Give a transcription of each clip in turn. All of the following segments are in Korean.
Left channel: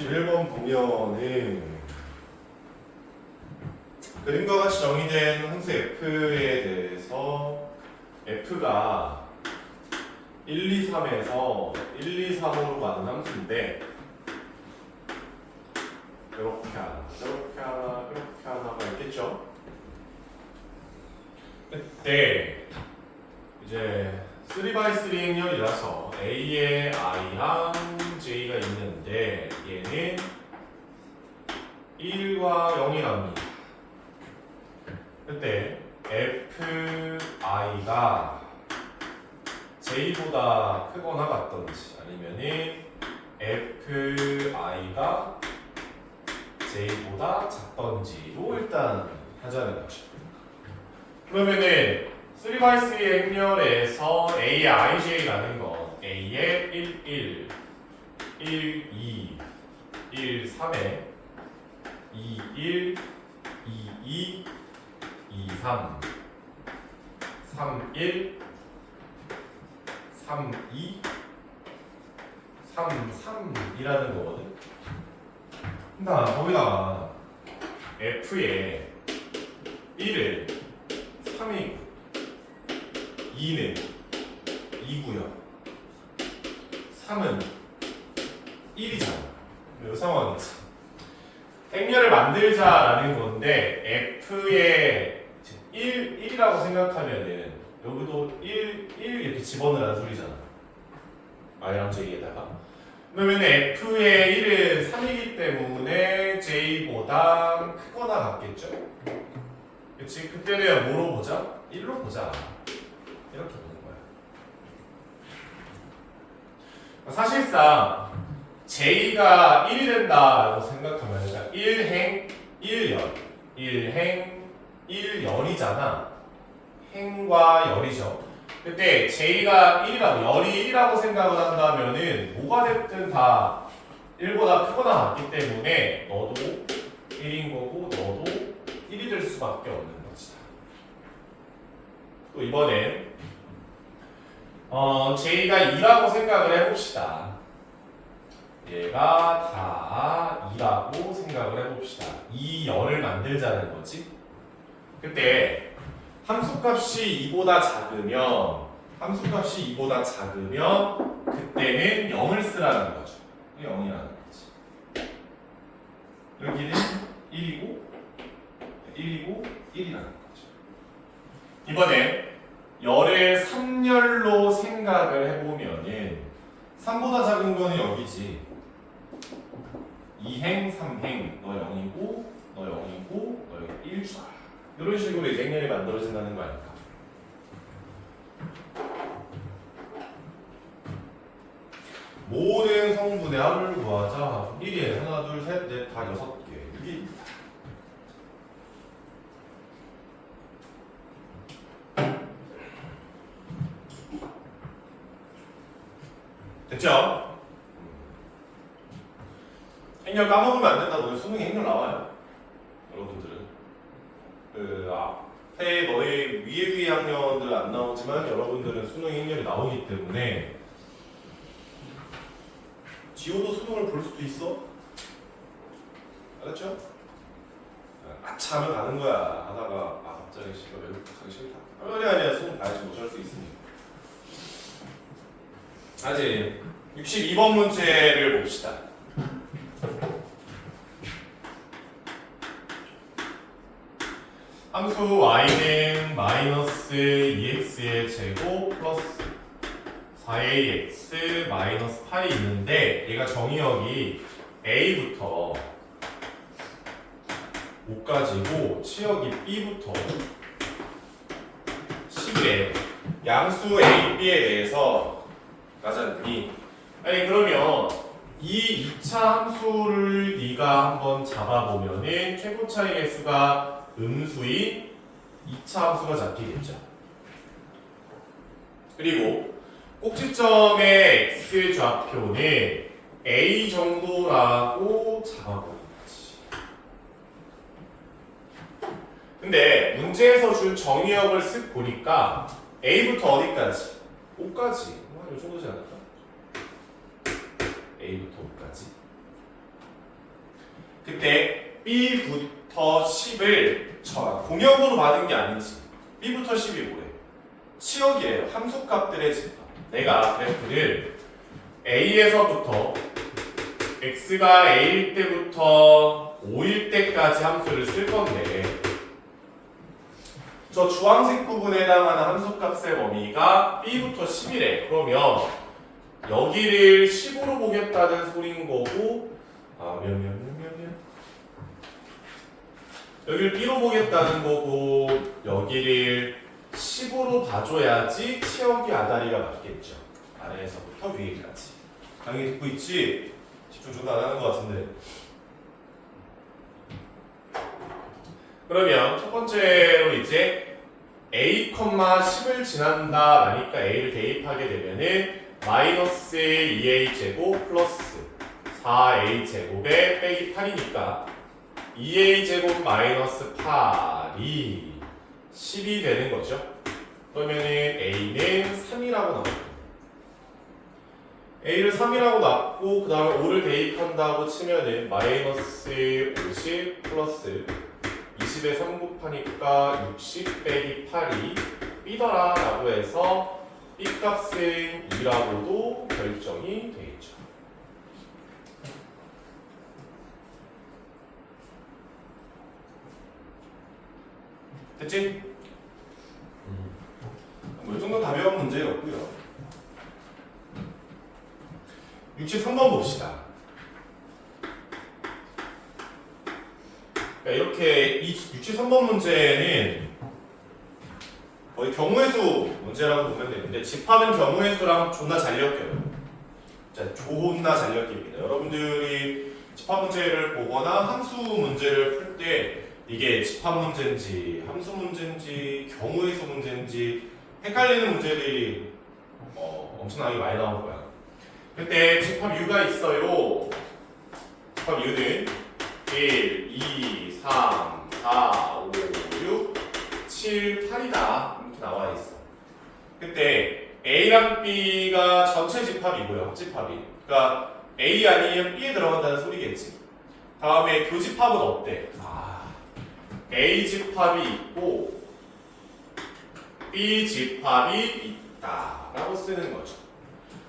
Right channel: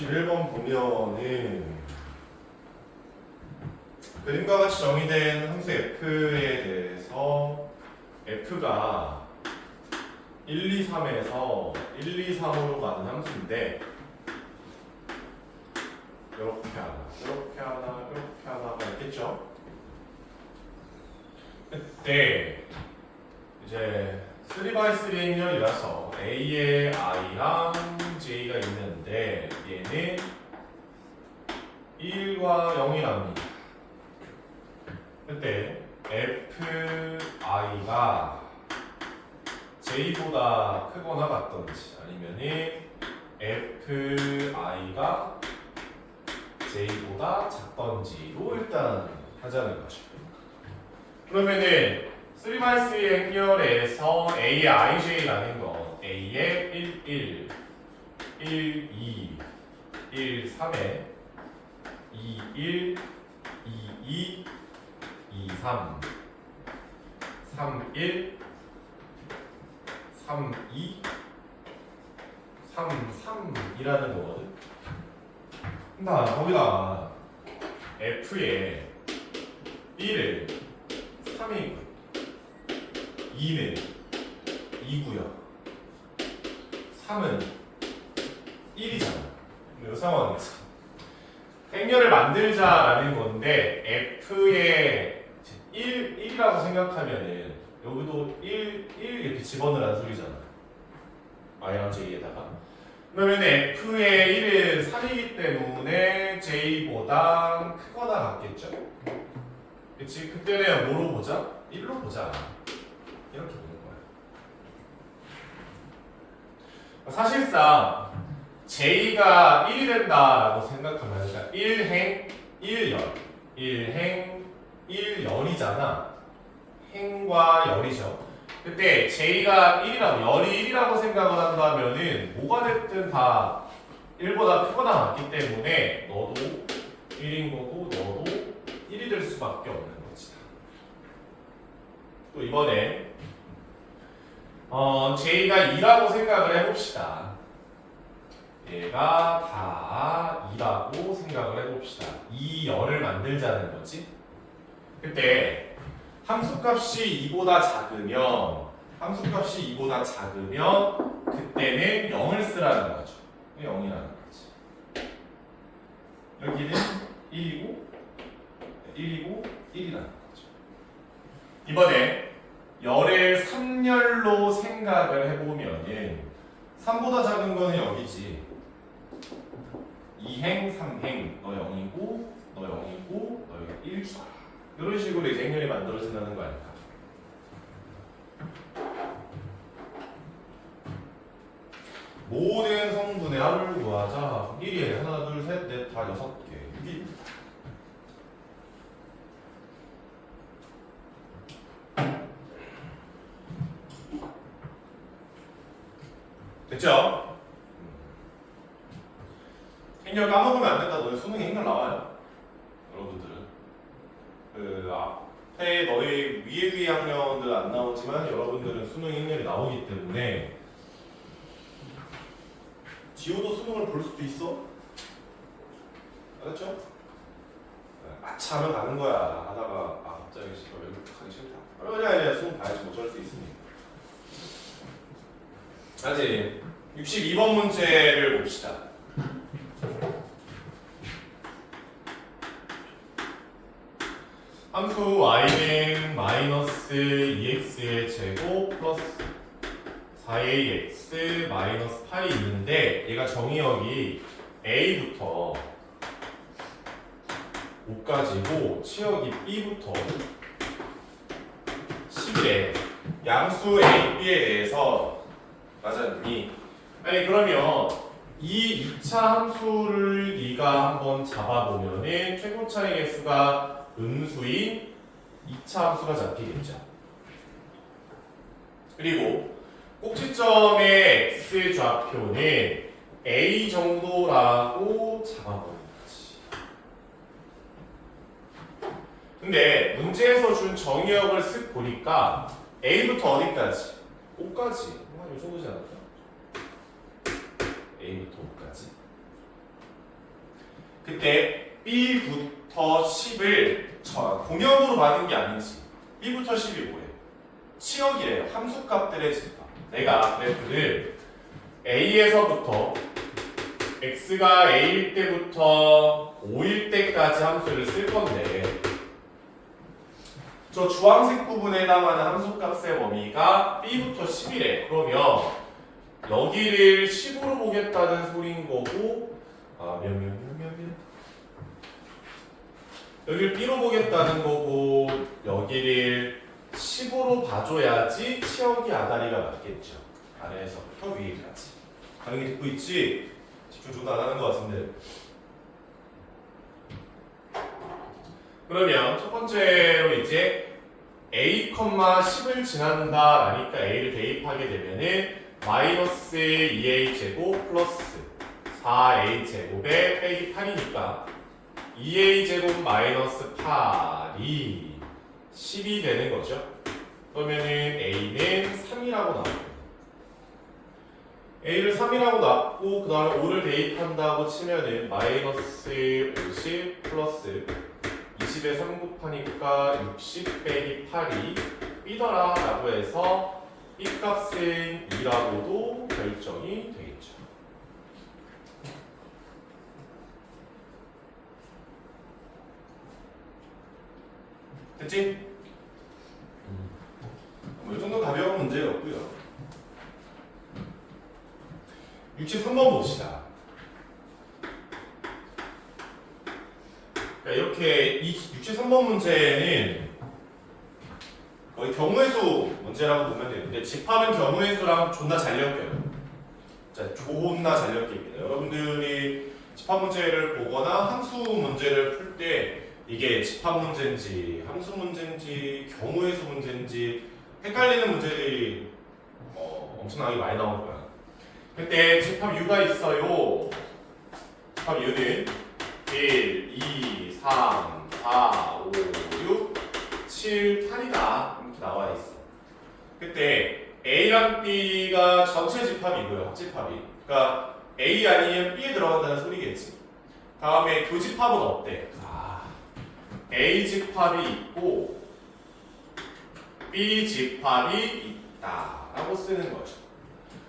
61번 보면은 그림과 같이 정의된 함수 f에 대해서 f가 1, 2, 3에서 1, 2, 3으로 가는 함수인데 이렇게 하나, 이렇게 하나, 이렇게 하나가 있겠죠? 그때 이제 3x3 행렬이라서 A에 I랑 J가 있는데 얘는 1과 0이랍니다. 그때 FI가 J보다 크거나 같던지 아니면은 FI가 J보다 작던지로 일단 하자는 거죠. 그러면은 3x3의 행렬에서 A의 IJ라는 거 A의 1, 1, 1, 2, 1, 3에 2, 1, 2, 2, 2, 3, 3, 1, 3, 2, 3, 3이라는 거거든. 나 거기다가 F에 1을 3이고 2는 2고요 3은 1이잖아. 이 상황에서 행렬을 만들자라는 건데 F에 1이라고 생각하면은 여기도 1 이렇게 집어넣으라는 소리잖아. I랑 J에다가. 그러면 F의 1은 3이기 때문에 J보다 크거나 같겠죠? 그치? 그때는 뭐로 보자? 1로 보자. 이렇게 보는 거야. 사실상 J가 1이 된다라고 생각하면 그러니까 1행 1열 1행 1열이잖아. 행과 열이죠. 그때 J가 1이라고 열이 1이라고 생각을 한다면은 뭐가 됐든 다 1보다 크거나 같기 때문에 너도 1인 거고 너도 1이 될 수밖에 없는 거지. 또 이번에 J가 2라고 생각을 해봅시다. 얘가 다 2라고 생각을 해봅시다. 2열을 만들자는 거지. 그때 함수값이 2보다 작으면 그때는 0을 쓰라는 거죠. 0이라는 거지. 여기는 1이고 1이라는 거죠. 이번에 열의 3열로 생각을 해보면은 3보다 작은 거는 여기지. 2행, 3행, 너 0이고 너 0이고 너 1좌. 이런 식으로 이제 행렬이 만들어진다는 거 아닐까? 모든 성분의 합을 구하자. 1이 하나, 둘, 셋, 넷, 다 6개. 6이 됐죠? 행렬 까먹으면 안 된다. 너희 수능에 행렬 나와요. 여러분들은. 앞에 너희 위에 학년들 안 나오지만 여러분들은 수능 행렬이 나오기 때문에 지호도 수능을 볼 수도 있어. 알았죠? 아차 하면 가는 거야. 하다가 갑자기 싫어. 외국 가기 싫다. 아니야. 수능 봐야지 못할 수 있으니까. 아직 62번 문제를 봅시다. 함수 y는 마이너스 2x의 제곱 플러스 4ax 마이너스 8이 있는데 얘가 정의역이 a부터 5까지고 치역이 b부터 11에 양수 a, b에 대해서 맞았니? 아니 그러면 이 2차 함수를 네가 한번 잡아보면은 최고 차이 개수가 음수인 2차 함수가 잡히겠죠. 그리고 꼭지점의 x 좌표는 a 정도라고 잡아보는 거지. 근데 문제에서 준 정의역을 쓱 보니까 a부터 어디까지? 5까지. 이 정도지 않을까? a부터 5까지. 그때 B부터 10을 공역으로 받은 게 아니지. B부터 10이 뭐래? 치역이래요. 함수값들의 집합. 내가 그래프를 A에서부터 x가 a일 때부터 5일 때까지 함수를 쓸 건데 저 주황색 부분에 해당하는 함수값의 범위가 b부터 10이래. 그러면 여기를 10으로 보겠다는 소린 거고 여기를 b로 보겠다는 거고 여기를 10으로 봐줘야지 치역이 아다리가 맞겠죠. 아래에서부터 위에까지. 강의 듣고 있지? 집중 좀 안 하는 것 같은데. 그러면 첫 번째로 이제 a, 10을 지난다 라니까 a를 대입하게 되면은 마이너스 2a 제곱 플러스 4a 제곱에 빼기 8이니까 2a 제곱 마이너스 8이 10이 되는 거죠. 그러면은 a는 3이라고 나옵니다. a를 3이라고 놨고 그 다음에 5를 대입한다고 치면은 마이너스 50 플러스 20에 3 곱하니까 60 빼기 8이 b더라 라고 해서 b 값은 2라고도 결정이 되겠죠. 됐지? 뭐 이 정도 가벼운 문제였고요. 63번 봅시다. 이렇게 63번 문제는 거의 경우의 수 문제라고 보면 되는데 집합은 경우의 수랑 존나 잘 엮여요. 자, 존나 잘 엮입니다. 여러분들이 집합 문제를 보거나 함수 문제를 풀 때 이게 집합 문제인지 함수 문제인지 경우의 수 문제인지 헷갈리는 문제들이 엄청나게 많이 나올 거야. 그때 집합 U가 있어요. 집합 U는 1, 2, 3, 4, 5, 6, 7, 8이다. 이렇게 나와 있어. 그때 A랑 B가 전체 집합이고요. 합집합이. 그러니까 A 아니면 B에 들어간다는 소리겠지. 다음에 교집합은 어때? A 집합이 있고 B 집합이 있다 라고 쓰는 거죠.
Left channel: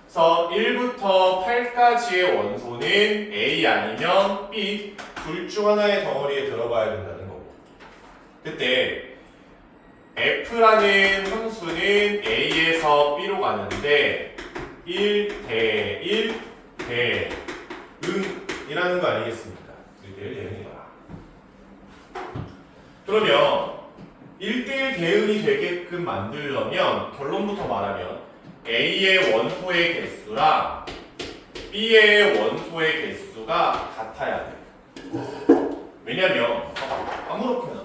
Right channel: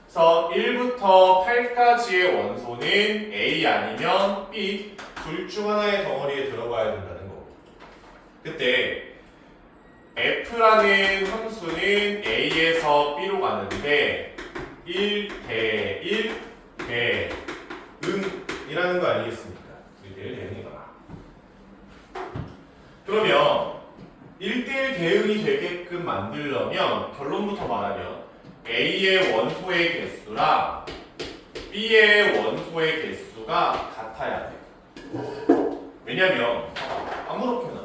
그래서 1부터 8까지의 원소는 A 아니면 B 둘 중 하나의 덩어리에 들어가야 된다는 거고, 그때 F라는 함수는 A에서 B로 가는데 1대 1 대응이라는 거 아니겠습니까? 1대1 대응이거나. 그러면 1대1 대응이 되게끔 만들려면 결론부터 말하면 A의 원소의 개수랑 B의 원소의 개수가 같아야 돼. 왜냐면 아무렇게나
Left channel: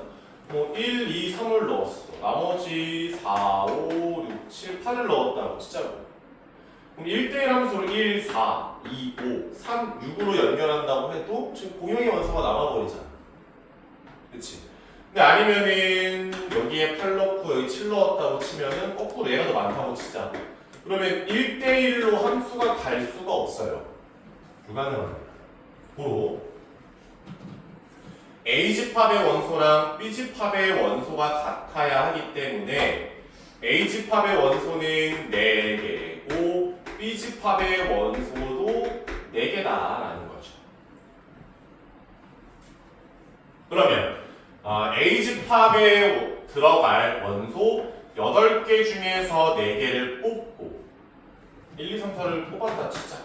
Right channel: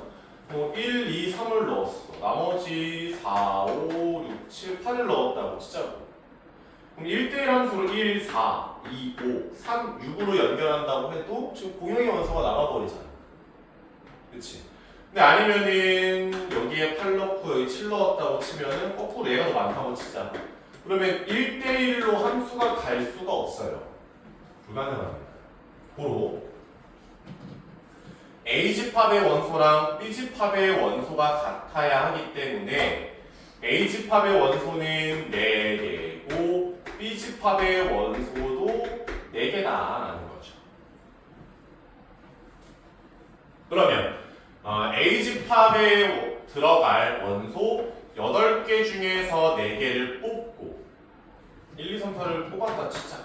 1, 2, 3을 넣었어. 나머지 4, 5, 6, 7, 8을 넣었다고 치자고. 그럼 1대1 함수를 1, 4, 2, 5, 3, 6으로 연결한다고 해도 지금 공용의 원소가 남아버리잖아. 그치? 근데 아니면은 여기에 8 넣고 여기 7 넣었다고 치면은 거꾸로 얘가 더 많다고 치자. 그러면 1대1로 함수가 갈 수가 없어요. 불가능합니다. 고로 A집합의 원소랑 B집합의 원소가 같아야 하기 때문에 A집합의 원소는 4개고 B집합의 원소도 4개다라는 거죠. 그러면 A집합에 들어갈 원소 8개 중에서 4개를 뽑고 1, 2, 3, 4를 뽑았다 치자.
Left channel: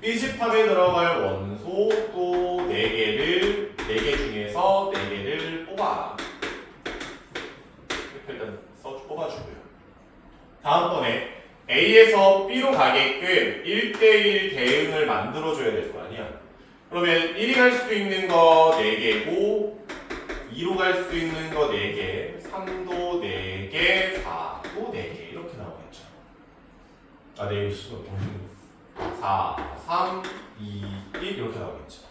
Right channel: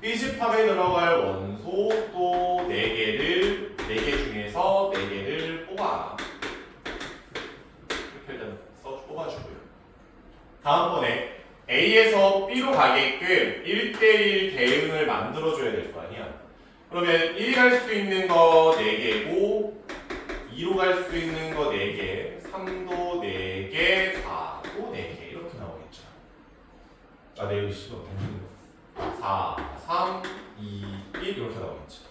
B집합에 들어갈 원소 또 4개 중에서 4개를 뽑아. 이렇게 일단 뽑아주고요. 다음번에 A에서 B로 가게끔 1대1 대응을 만들어줘야 될 거 아니야. 그러면 1이 갈 수 있는 거 4개고 2로 갈 수 있는 거 4개, 3도 4개, 4도 4개 이렇게 나오겠죠. 네, 시도 4, 3, 2, 1 이렇게 나오겠죠.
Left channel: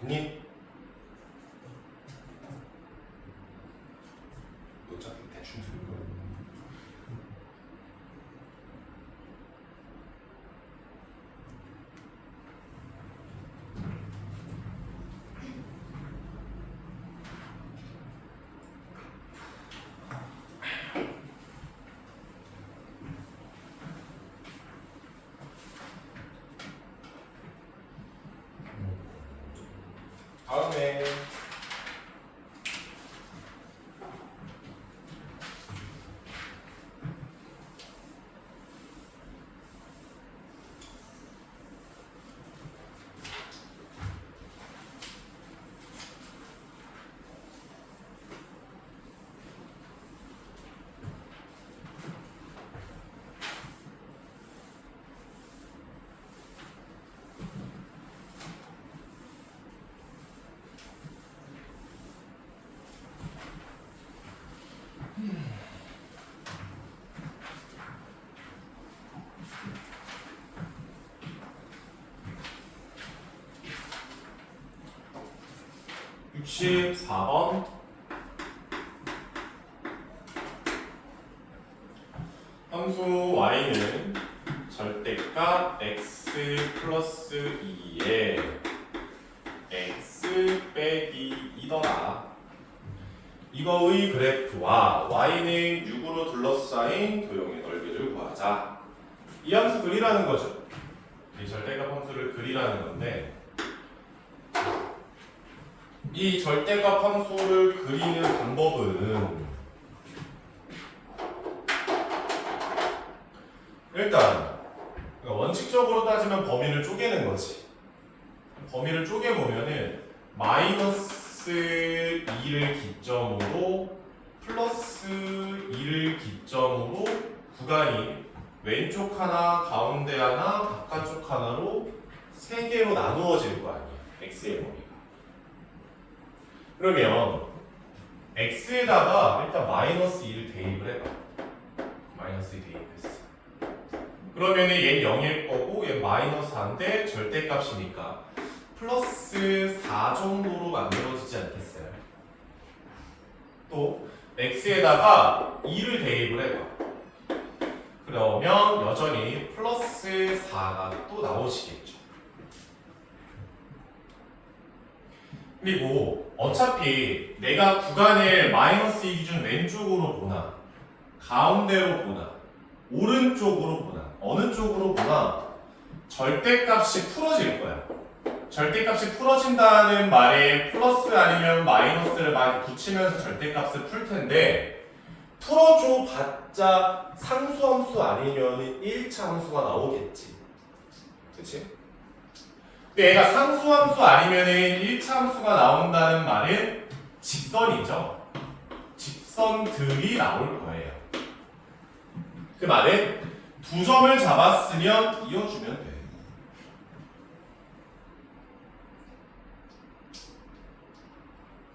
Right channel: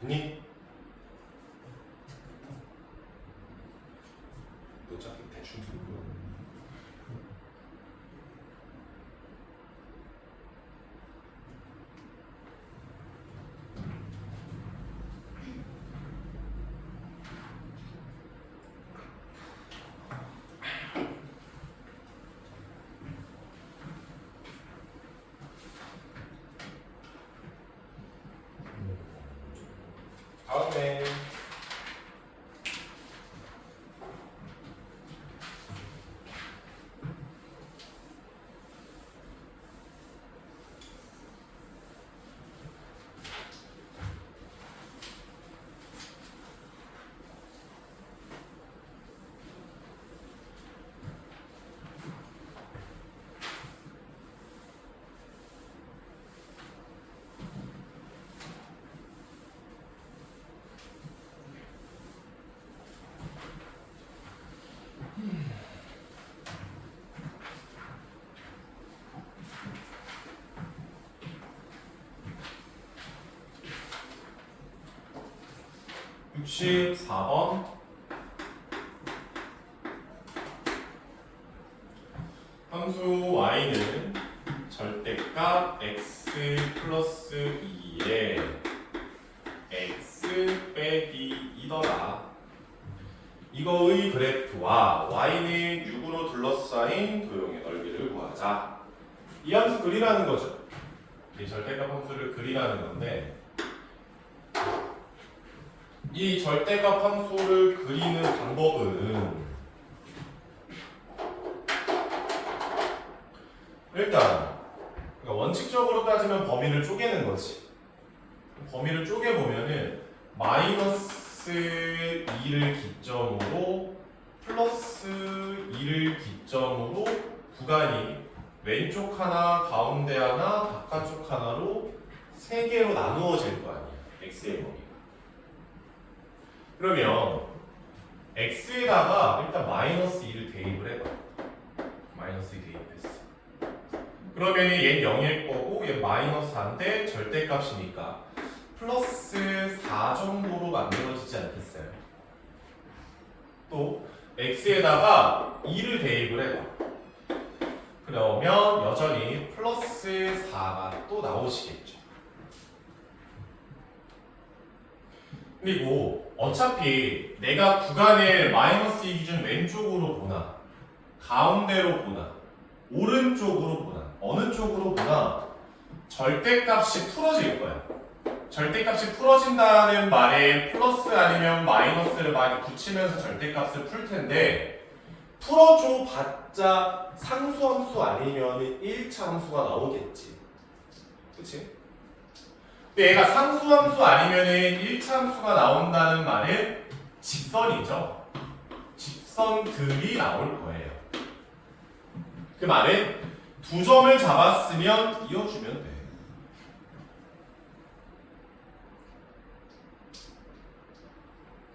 니? 어차피 대충 틀린 거야. 64번 함수 y는 절대값 x 플러스 2에 x 빼기 2더라. 이거의 그래프와 y는 6으로 둘러싸인 도형의 넓이를 구하자. 이 함수 그리라는 거죠. 이 절대값 함수를 그리라는 건데, 이 절대값 함수를 그리는 방법은 일단 원칙적으로 따지면 범위를 쪼개는 거지. 범위를 쪼개보면은 마이너스 2를 기점으로 플러스 2를 기점으로 구간이 왼쪽 하나, 가운데 하나, 바깥쪽 하나로 3개로 나누어질 거 아니야. x의 범위가. 그러면 x에다가 일단 마이너스 2를 대입을 해봐. 마이너스 2 대입했어. 그러면 얘는 0일 거고 얘는 마이너스 4인데 절대값이니까 플러스 4 정도로 만들어지지 않겠어요? 또 x에다가 2를 대입을 해봐. 그러면 여전히 플러스 4가 또 나오시겠죠. 그리고 어차피 내가 구간을 마이너스 2 기준 왼쪽으로 보나 가운데로 보나 오른쪽으로 보나 어느 쪽으로 보나 절대값이 풀어질 거야. 절대값이 풀어진다는 말에 플러스 아니면 마이너스를 많이 붙이면서 절대값을 풀 텐데 풀어줘 봤자 상수함수 아니면 1차 함수가 나오겠지. 그치? 근데 얘가 상수함수 아니면 1차 함수가 나온다는 말은 직선이죠. 직선들이 나올 거예요. 그 말은 두 점을 잡았으면 이어주면 돼.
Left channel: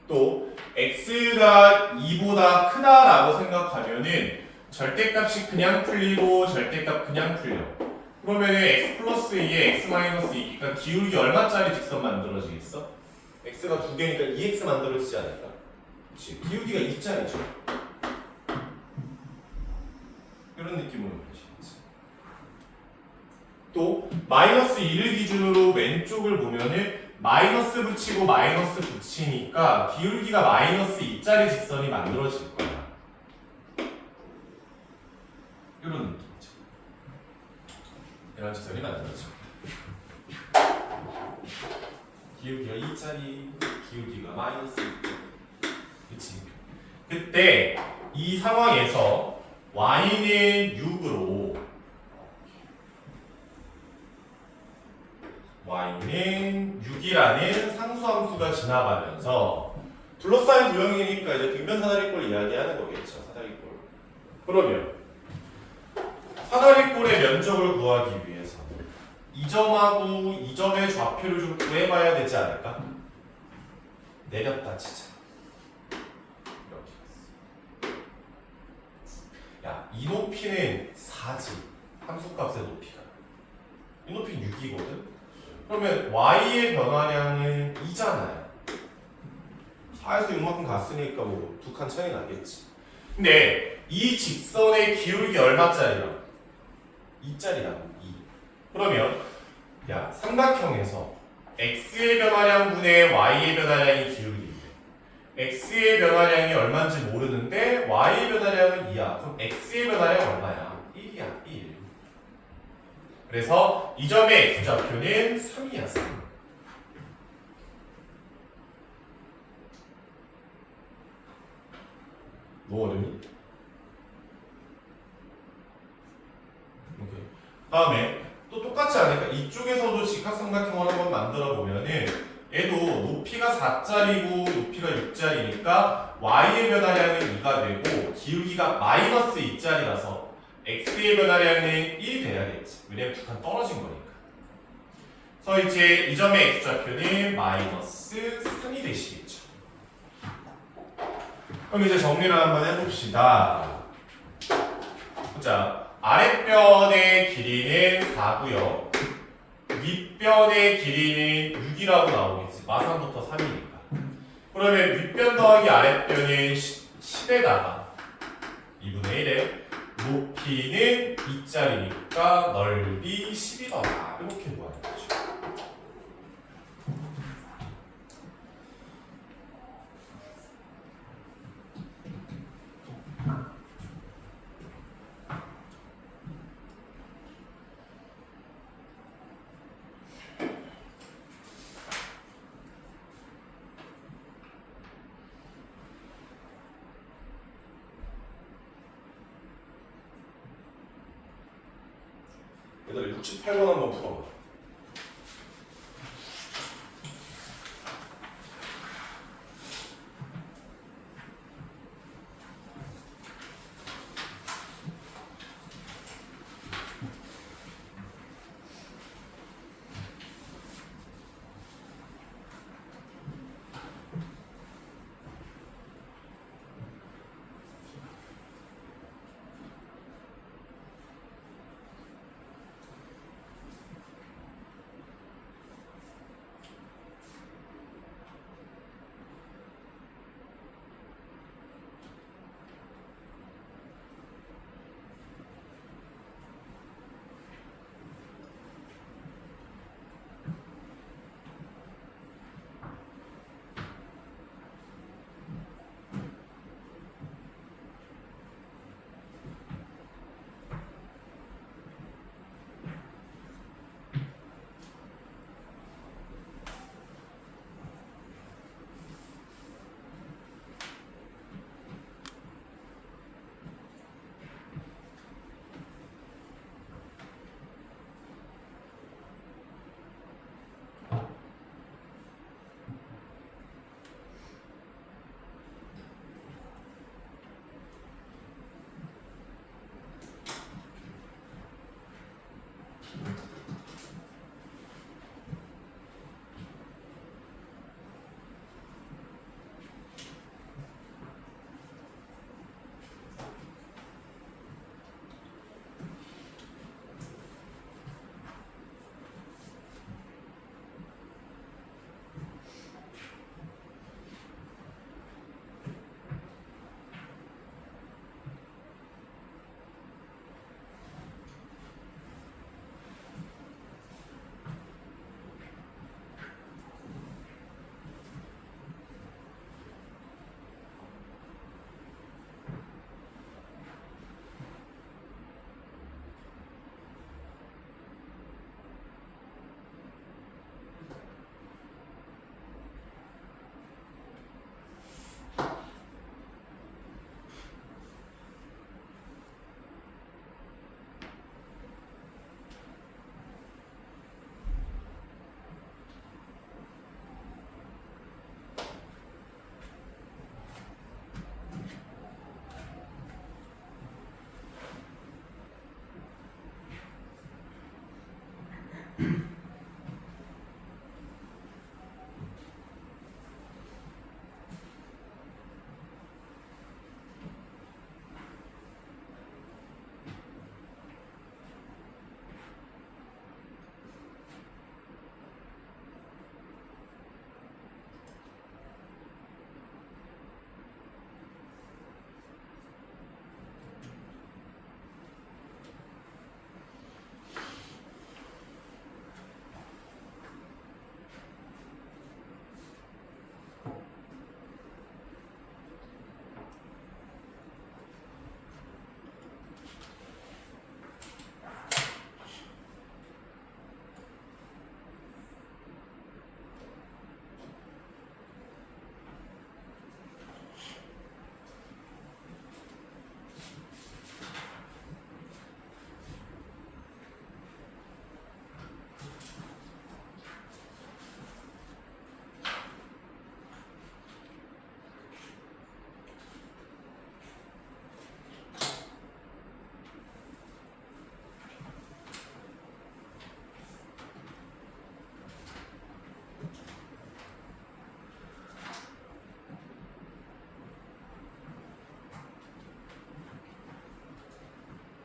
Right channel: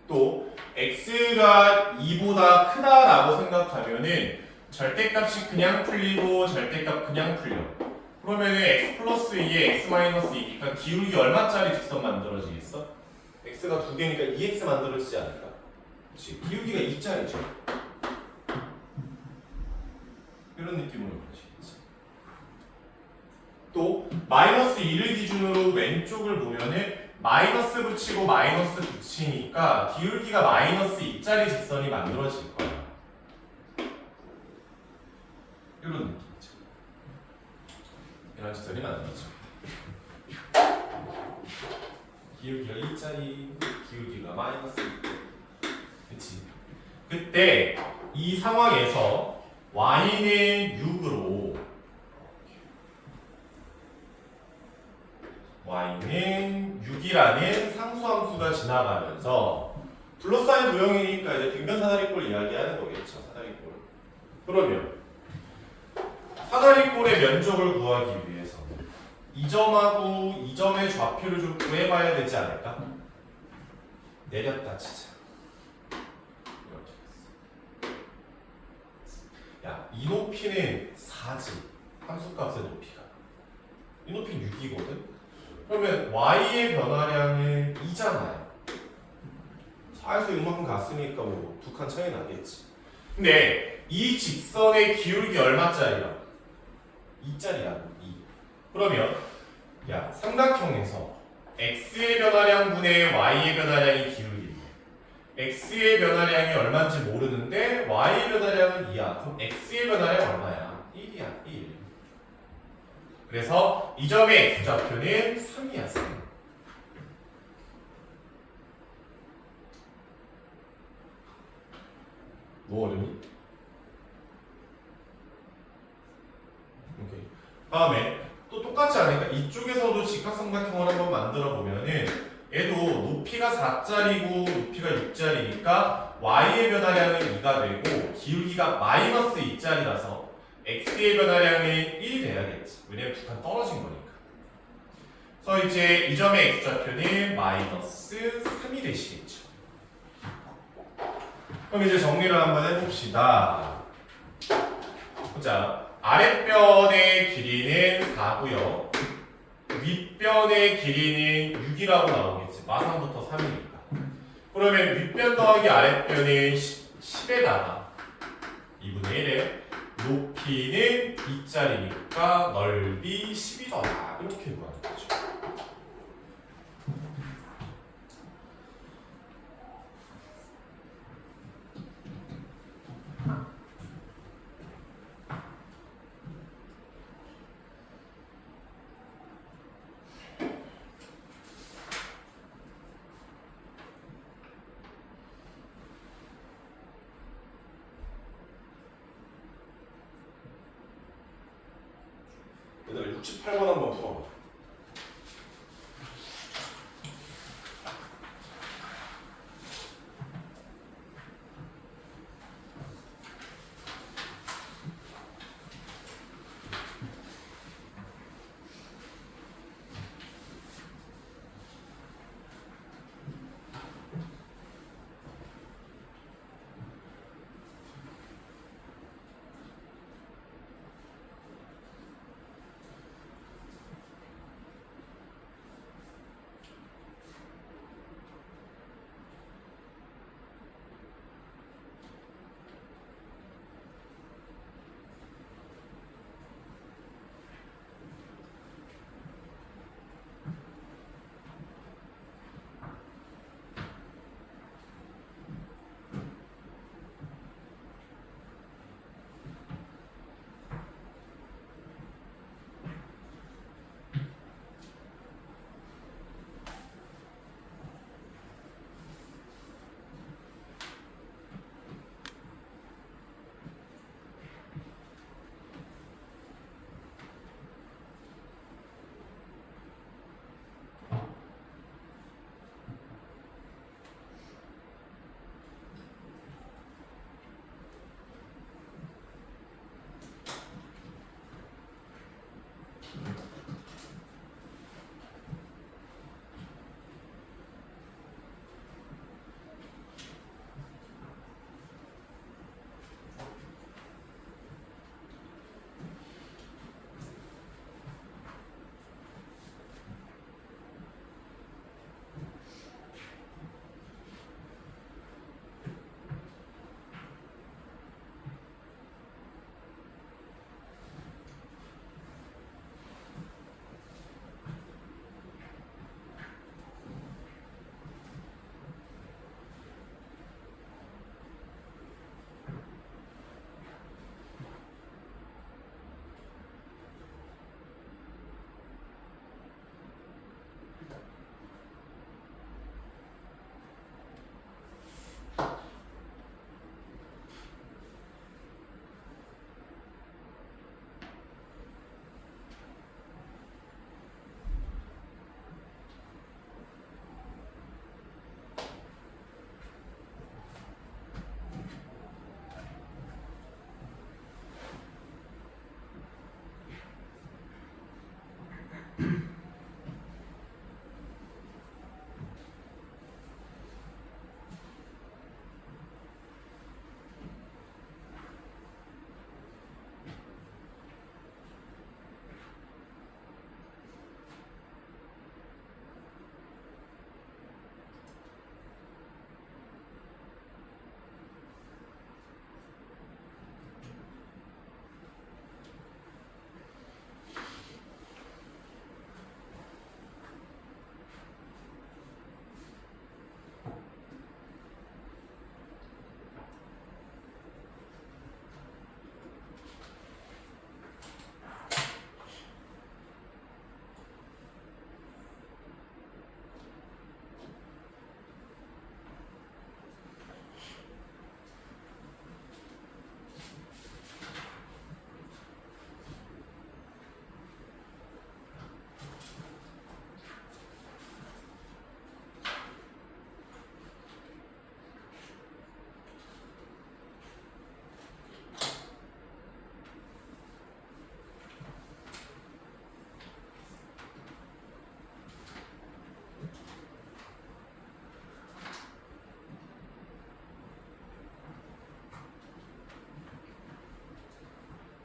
또 x가 2보다 크다라고 생각하면은 절대값이 그냥 풀리고 절대값 그냥 풀려. 그러면은 x 플러스 2에 x 마이너스 2, 그러니까 기울기 얼마짜리 직선 만들어지겠어? x가 2개니까 2x 만들어지지 않을까? 그렇지. 기울기가 2짜리죠. 그런 느낌으로 보시겠지. 또 마이너스 2를 기준으로 왼쪽을 보면은 마이너스 붙이고 마이너스 붙이니까 기울기가 마이너스 2짜리 직선이 만들어질 거야. 이런 느낌이죠. 이런 직선이 만들어집니다. 기울기가 2짜리, 기울기가 마이너스 2짜리. 그치? 그때 이 상황에서 y는 6으로 y는 6이라는 상수함수가 지나가면서 둘러싸인 도형이니까 이제 등변 사다리꼴 이야기하는 거겠죠. 사다리꼴. 그러면 사다리꼴의 면적을 구하기 위해서 이 점하고 이 점의 좌표를 좀 구해봐야 되지 않을까? 내렸다 치자. 이렇게 됐어. 야, 이 높이는 4지. 함수값의 높이가. 이 높이는 6이거든? 그러면 y의 변화량은 2잖아요. 4에서 6만큼 갔으니까 뭐 두 칸 차이 나겠지. 근데 이 직선의 기울기 얼마짜리야? 2짜리야. 2. 그러면 야, 삼각형에서 x의 변화량분의 y의 변화량이 기울기인데 x의 변화량이 얼마인지 모르는데 y의 변화량은 2야. 그럼 x의 변화량 얼마야? 1이야. 1. 그래서 이 점의 x좌표는 3이야. 3. 너무 어렵니? 오케이. 다음에 또 똑같지 않으니까 이쪽에서도 직각삼각형을 한번 만들어 보면은 얘도 높이가 4짜리고 높이가 6짜리니까 y의 변화량은 2가 되고 기울기가 마이너스 2짜리라서 x의 변화량은 1이 돼야겠지. 왜냐면 두 칸 떨어진 거니까. 그래서 이제 이 점의 x좌표는 마이너스 3이 되시겠죠. 그럼 이제 정리를 한번 해봅시다. 보자. 아랫변의 길이는 4고요. 윗변의 길이는 6이라고 나오겠지. 마상부터 3이니까. 그러면 윗변 더하기 아랫변인 10에다가 2분의 1에 높이는 2짜리니까 넓이 10이더라. 이렇게 구하는 거죠. 얘들아 68번 한번 풀어봐.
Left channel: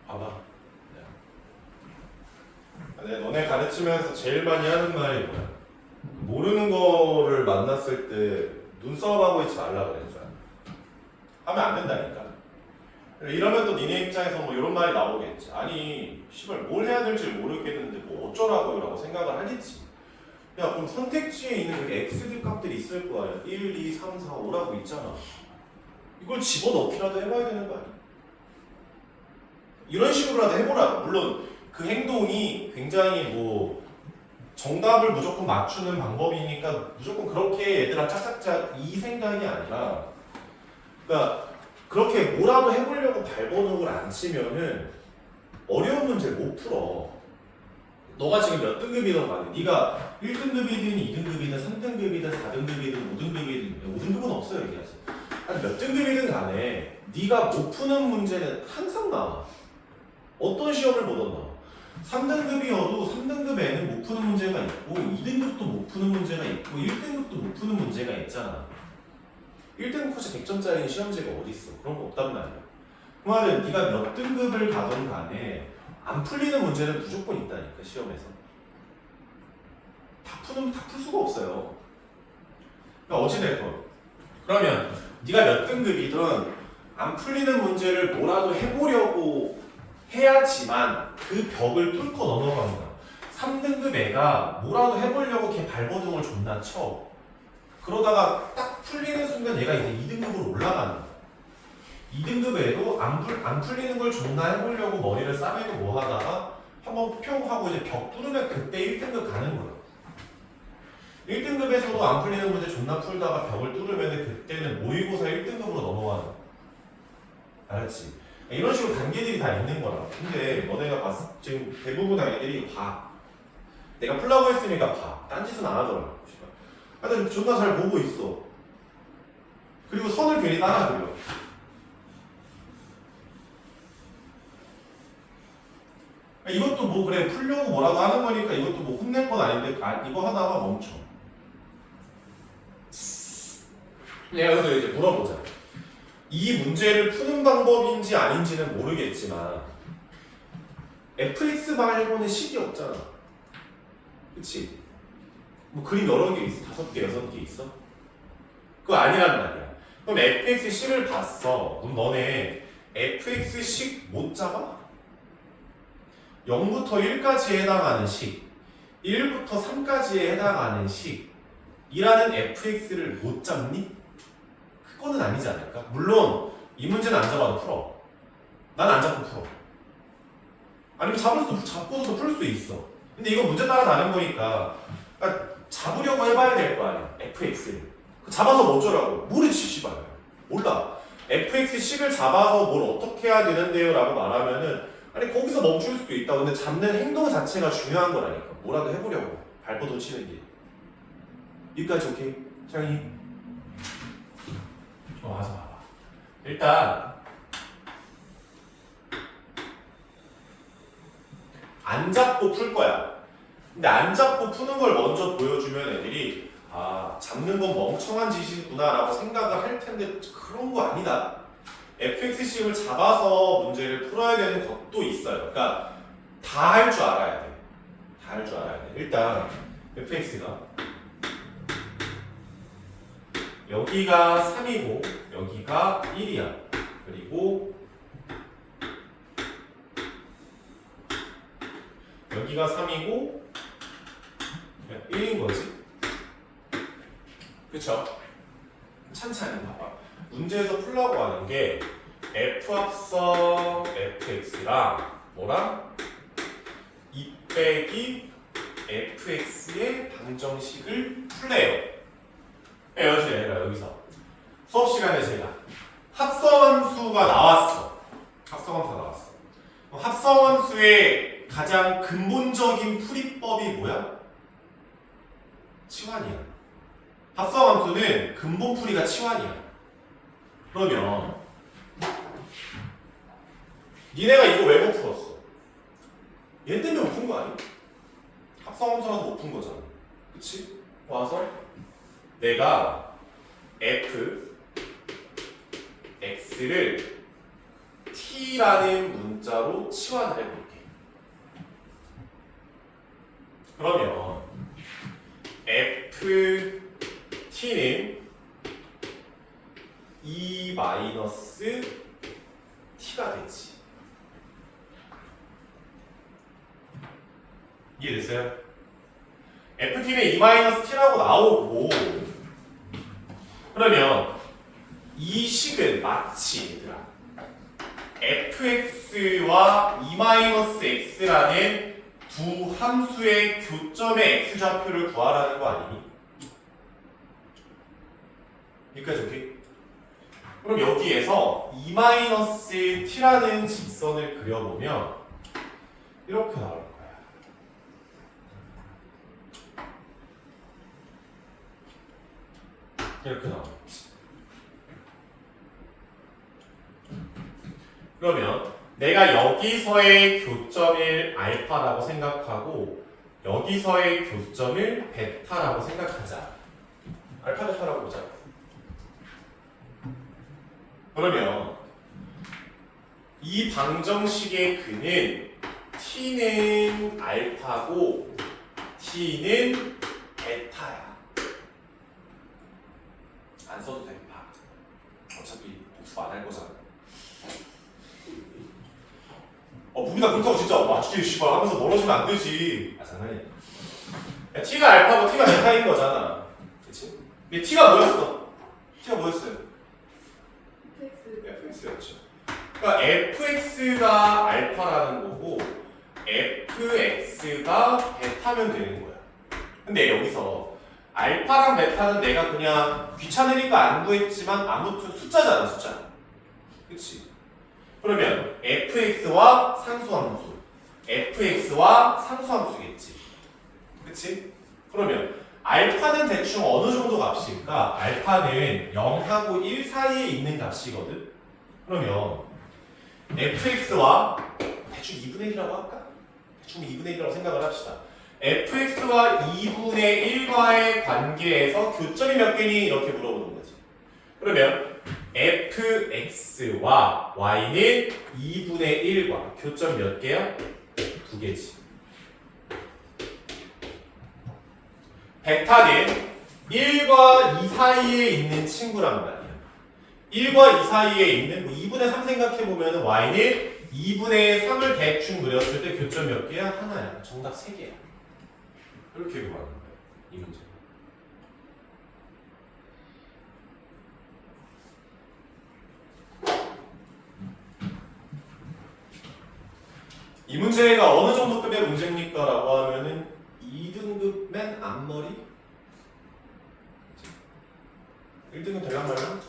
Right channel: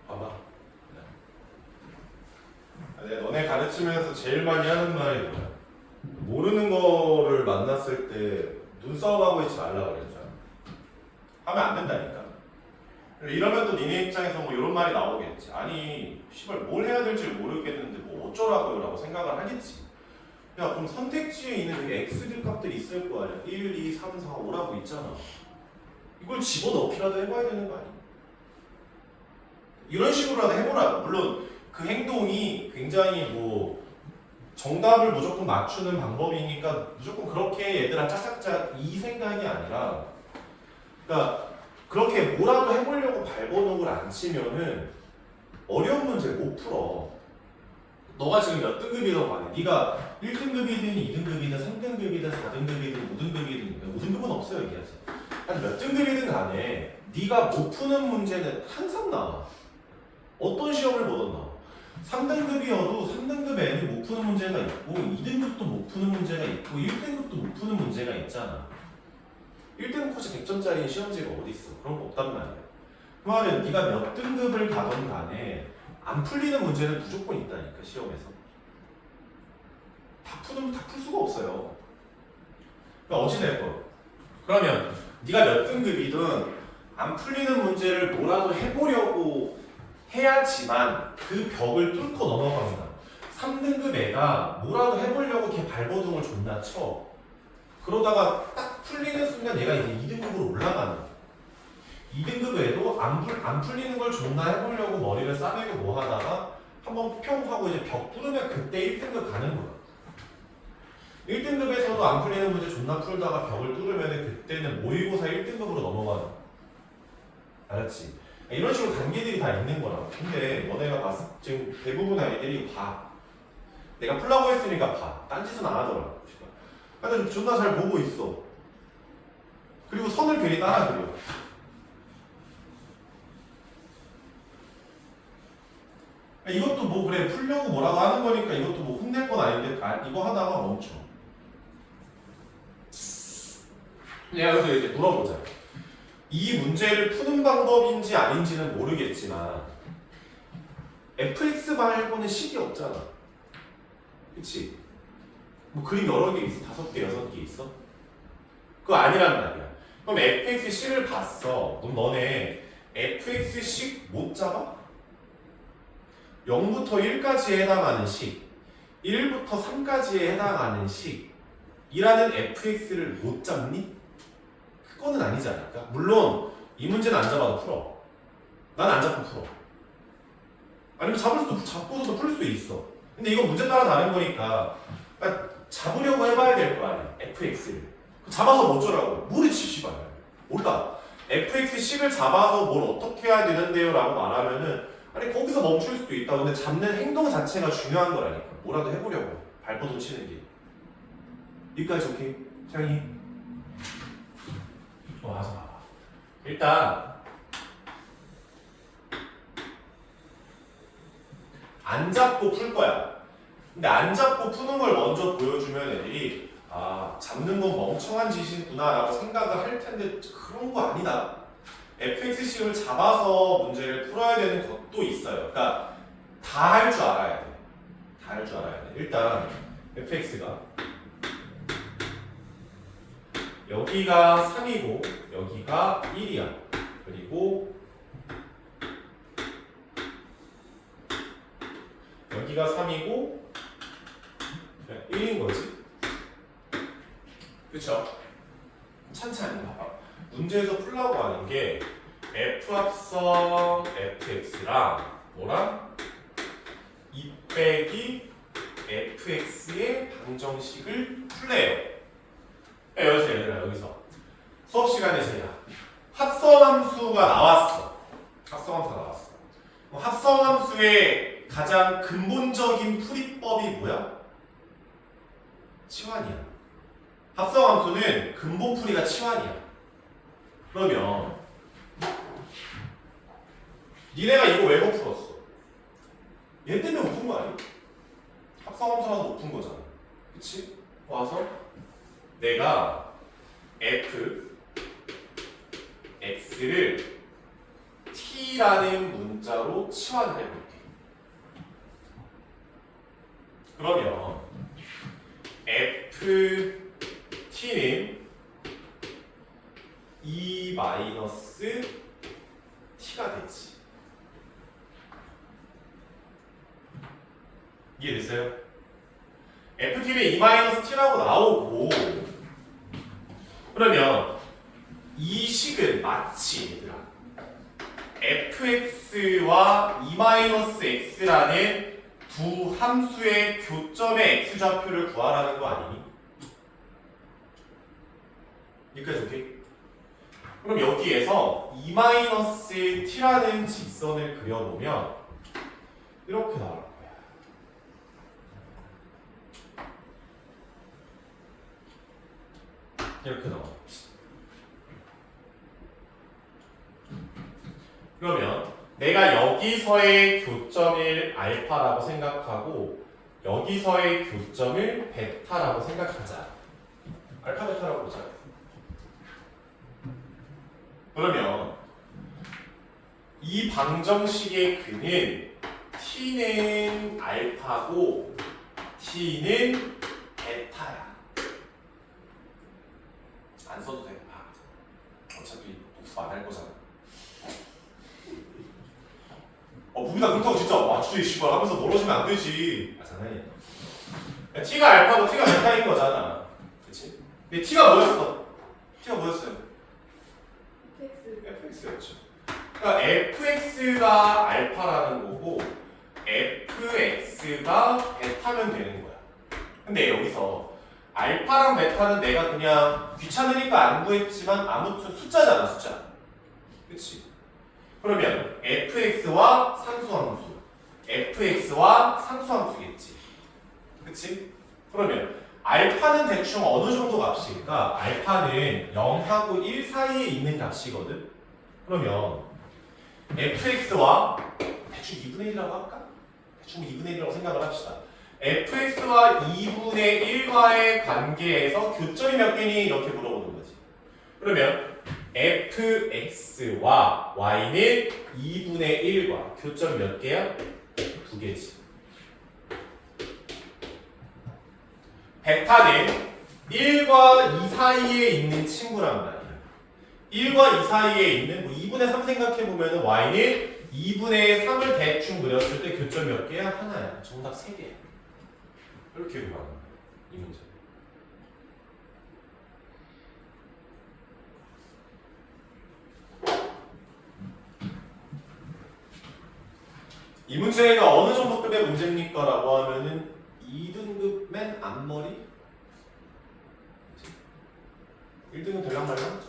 봐봐. 내가 너네 가르치면서 제일 많이 하는 말이 뭐야? 모르는 거를 만났을 때 눈싸움하고 있지 말라 그랬죠. 하면 안 된다니까. 이러면 또 니네 입장에서 뭐 이런 말이 나오겠지. 아니 씨발 뭘 해야 될지 모르겠는데 뭐 어쩌라고요 라고 생각을 하겠지. 야 그럼 선택지에 있는 여기 x들 값들이 있을 거 아니야. 1, 2, 3, 4, 5라고 있잖아. 이걸 집어넣기라도 해봐야 되는 거 아니야. 이런 식으로라도 해보라고. 물론 그 행동이 굉장히 뭐 정답을 무조건 맞추는 방법이니까 무조건 그렇게 얘들아 짝짝짝 이 생각이 아니라, 그러니까 그렇게 뭐라도 해보려고 발버둥을 안 치면은 어려운 문제 못 풀어. 너가 지금 몇 등급이든 간에 네가 1등급이든 2등급이든 3등급이든 4등급이든 5등급이든 5등급은 없어요 얘기하지. 아니 몇 등급이든 간에 네가 못 푸는 문제는 항상 나와. 어떤 시험을 보던 나와. 3등급이어도 3등급에는 못 푸는 문제가 있고 2등급도 못 푸는 문제가 있고 1등급도 못 푸는 문제가 있잖아. 1등급 코치 100점짜리 시험지가 어디 있어? 그런 거 없단 말이야. 그 말은 네가 몇 등급을 가던 간에 안 풀리는 문제는 무조건 있다니까 시험에서. 다 풀 수가 없어요. 그러니까 어찌됐건 그러면 네가 몇 등급이든 안 풀리는 문제를 뭐라도 해보려고 해야지만 그 벽을 뚫고 넘어가는 거야. 3등급 애가 뭐라도 해보려고 걔 발버둥을 존나 쳐. 그러다가 딱 풀리는 순간 얘가 이제 2등급으로 올라가는 거야. 2등급 애도 안 풀리는 걸 존나 해보려고 머리를 싸매고 뭐 하다가 한번 평 하고 이제 벽 뚫으면 그때 1등급 가는 거야. 1등급에서도 안 풀리는 문제 존나 풀다가 벽을 뚫으면 그때는 모의고사 1등급으로 넘어가는 거야. 알았지? 이런 식으로 단계들이 다 있는 거라. 근데 너네가 봤을 지금 대부분 아이들이 봐. 내가 풀라고 했으니까 봐. 딴짓은 안 하더라고. 하여튼 존나 잘 보고 있어. 그리고 선을 괜히 따라 그려. 이것도 뭐 그래 풀려고 뭐라고 하는 거니까 이것도 뭐 혼낼 건 아닌데 이거 하다가 멈춰. 내가 그래서 이제 물어보자. 이 문제를 푸는 방법인지 아닌지는 모르겠지만 fx 말고는 식이 없잖아. 그치? 뭐 그림 여러 개 있어. 5개, 6개 있어? 그거 아니란 말이야. 그럼 fx식을 봤어. 그럼 너네 fx식 못 잡아? 0부터 1까지에 해당하는 식, 1부터 3까지에 해당하는 식이라는 fx를 못 잡니? 그거는 아니지 않을까? 물론 이 문제는 안 잡아도 풀어. 난 안 잡고 풀어. 아니면 잡고서도 풀 수 있어. 근데 이건 문제 따라 다른 거니까 그러니까 잡으려고 해봐야 될 거 아니야. fx를. 잡아서 뭐 어쩌라고? 모르지 씨발. 몰라. fx식을 잡아서 뭘 어떻게 해야 되는데요? 라고 말하면은 아니 거기서 멈출 수도 있다. 근데 잡는 행동 자체가 중요한 거라니까. 뭐라도 해보려고 발버둥 치는 게. 여기까지 오케이? 창이? 와서 봐봐. 일단 안 잡고 풀 거야. 근데 안 잡고 푸는 걸 먼저 보여주면 애들이 아 잡는 건 멍청한 짓이구나 라고 생각을 할 텐데 그런 거 아니다. fx식을 잡아서 문제를 풀어야 되는 것도 있어요. 그러니까 다 할 줄 알아야 돼. 다 할 줄 알아야 돼. 일단 fx가 여기가 3이고 여기가 1이야. 그리고 여기가 3이고 1인 거지. 그쵸? 찬찬히 봐봐. 문제에서 풀라고 하는 게 f 합성 fx랑 뭐랑 2 빼기 fx의 방정식을 풀래요. 여기서 얘들아 여기서 수업 시간에 제가 합성함수가 나왔어. 합성함수가 나왔어. 합성함수의 가장 근본적인 풀이법이 뭐야? 치환이야. 합성함수는 근본풀이가 치환이야. 그러면 니네가 이거 왜 못 풀었어? 얘 때문에 못 푼 거 아니야? 합성함수라서 못 푼 거잖아. 그치? 와서 내가 f x를 t라는 문자로 치환을 해볼게. 그러면 f t는 E 마이너스 t가 되지. 이해됐어요? ft는 E 마이너스 t라고 나오고 그러면 이 식은 마치 얘들아 fx와 E 마이너스 x라는 두 함수의 교점의 x좌표를 구하라는 거 아니니? 여기까지 오케이? 그럼 여기에서 E 마이너스 t라는 직선을 그려보면 이렇게 나올 거야. 이렇게 나오겠지. 그러면 내가 여기서의 교점을 알파라고 생각하고 여기서의 교점을 베타라고 생각하자. 알파 베타라고 보자. 그러면 이 방정식의 근은 t는 알파고 t는 베타야. 안 써도 돼. 어차피 복습 안 할 거잖아. 우리가 그렇다고 진짜 맞추지 씨발 하면서 멀어지면 안 되지. 장난이야. 야, t가 알파고 t가 베타인 거잖아. 그치? 근데 t가 뭐였어? t가 뭐였어요? fx였죠. 그러니까 fx가 알파라는 거고 fx가 베타면 되는 거야. 근데 여기서 알파랑 베타는 내가 그냥 귀찮으니까 안 구했지만 아무튼 숫자잖아, 숫자. 그치? 그러면 fx와 상수함수 fx와 상수함수겠지. 그치? 그러면 알파는 대충 어느 정도 값일까? 알파는 0하고 1 사이에 있는 값이거든? 그러면 fx와 대충 2분의 1이라고 할까? 대충 2분의 1이라고 생각을 합시다. fx와 2분의 1과의 관계에서 교점이 몇 개니? 이렇게 물어보는 거지. 그러면 fx와 y는 2분의 1과 교점이 몇 개야? 2개지. 베타는 1과 2 사이에 있는 친구란 말이야. 1과 2 사이에 있는 뭐 2분의 3 생각해보면 y는 2분의 3을 대충 그렸을 때 교점 몇 개야? 하나야. 정답 3개야. 이렇게 구하는 거야. 이 문제. 이 문제가 어느 정도 급의 문제입니까? 라고 하면은 2등급 맨 앞머리? 1등급 될랑말랑?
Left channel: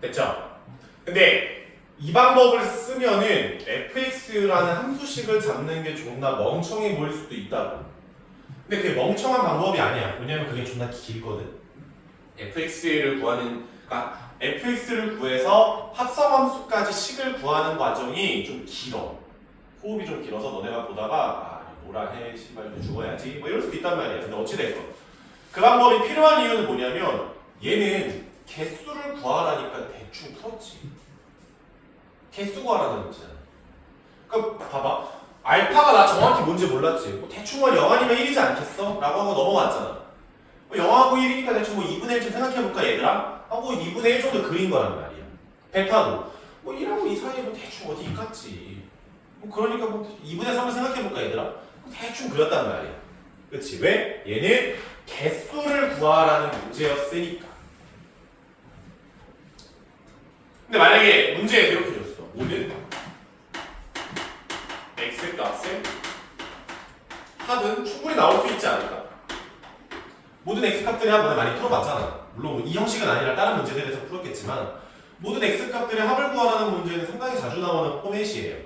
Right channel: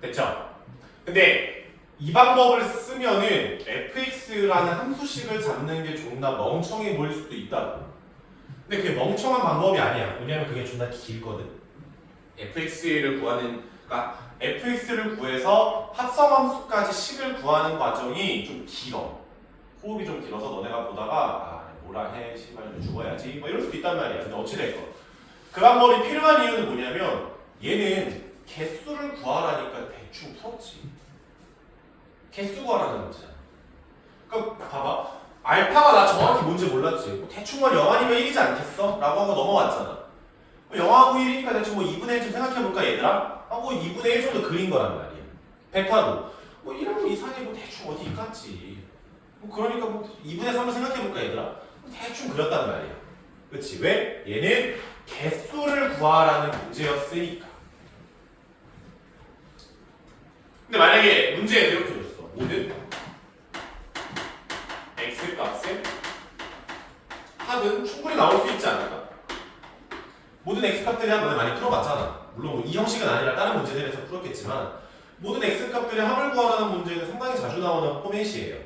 됐죠? 근데 이 방법을 쓰면은 fx라는 함수식을 잡는 게 존나 멍청해 보일 수도 있다고. 근데 그게 멍청한 방법이 아니야. 왜냐면 그게 존나 길거든. fx를 구하는, 그러니까 fx를 구해서 합성함수까지 식을 구하는 과정이 좀 길어. 호흡이 좀 길어서 너네가 보다가 뭐라 해, 씨발 죽어야지 뭐 이럴 수도 있단 말이야. 근데 어찌됐건 그 방법이 필요한 이유는 뭐냐면 얘는 개수를 구하라니까 대충 풀었지. 개수 구하라는 문제야. 그러니까 봐봐. 알파가 나 정확히 뭔지 몰랐지. 뭐 대충 뭐 0 아니면 1이지 않겠어? 라고 하고 넘어갔잖아. 0하고 1이니까 대충 뭐 2분의 1쯤 생각해볼까 얘들아? 하고 2분의 1 정도 그린 거란 말이야. 베타도 뭐 1하고 2 사이에 뭐 대충 어디 있겠지. 뭐 그러니까 뭐 2분의 3을 생각해볼까 얘들아? 뭐 대충 그렸단 말이야. 그치? 왜? 얘는 개수를 구하라는 문제였으니까. 근데 만약에 문제에서 이렇게 줬어. 모든 x값의 합은 충분히 나올 수 있지 않을까? 모든 x값들의 합을 많이 풀어봤잖아. 물론 뭐이 형식은 아니라 다른 문제들에서 풀었겠지만 모든 x값들의 합을 구하라는 문제는 상당히 자주 나오는 포맷이에요.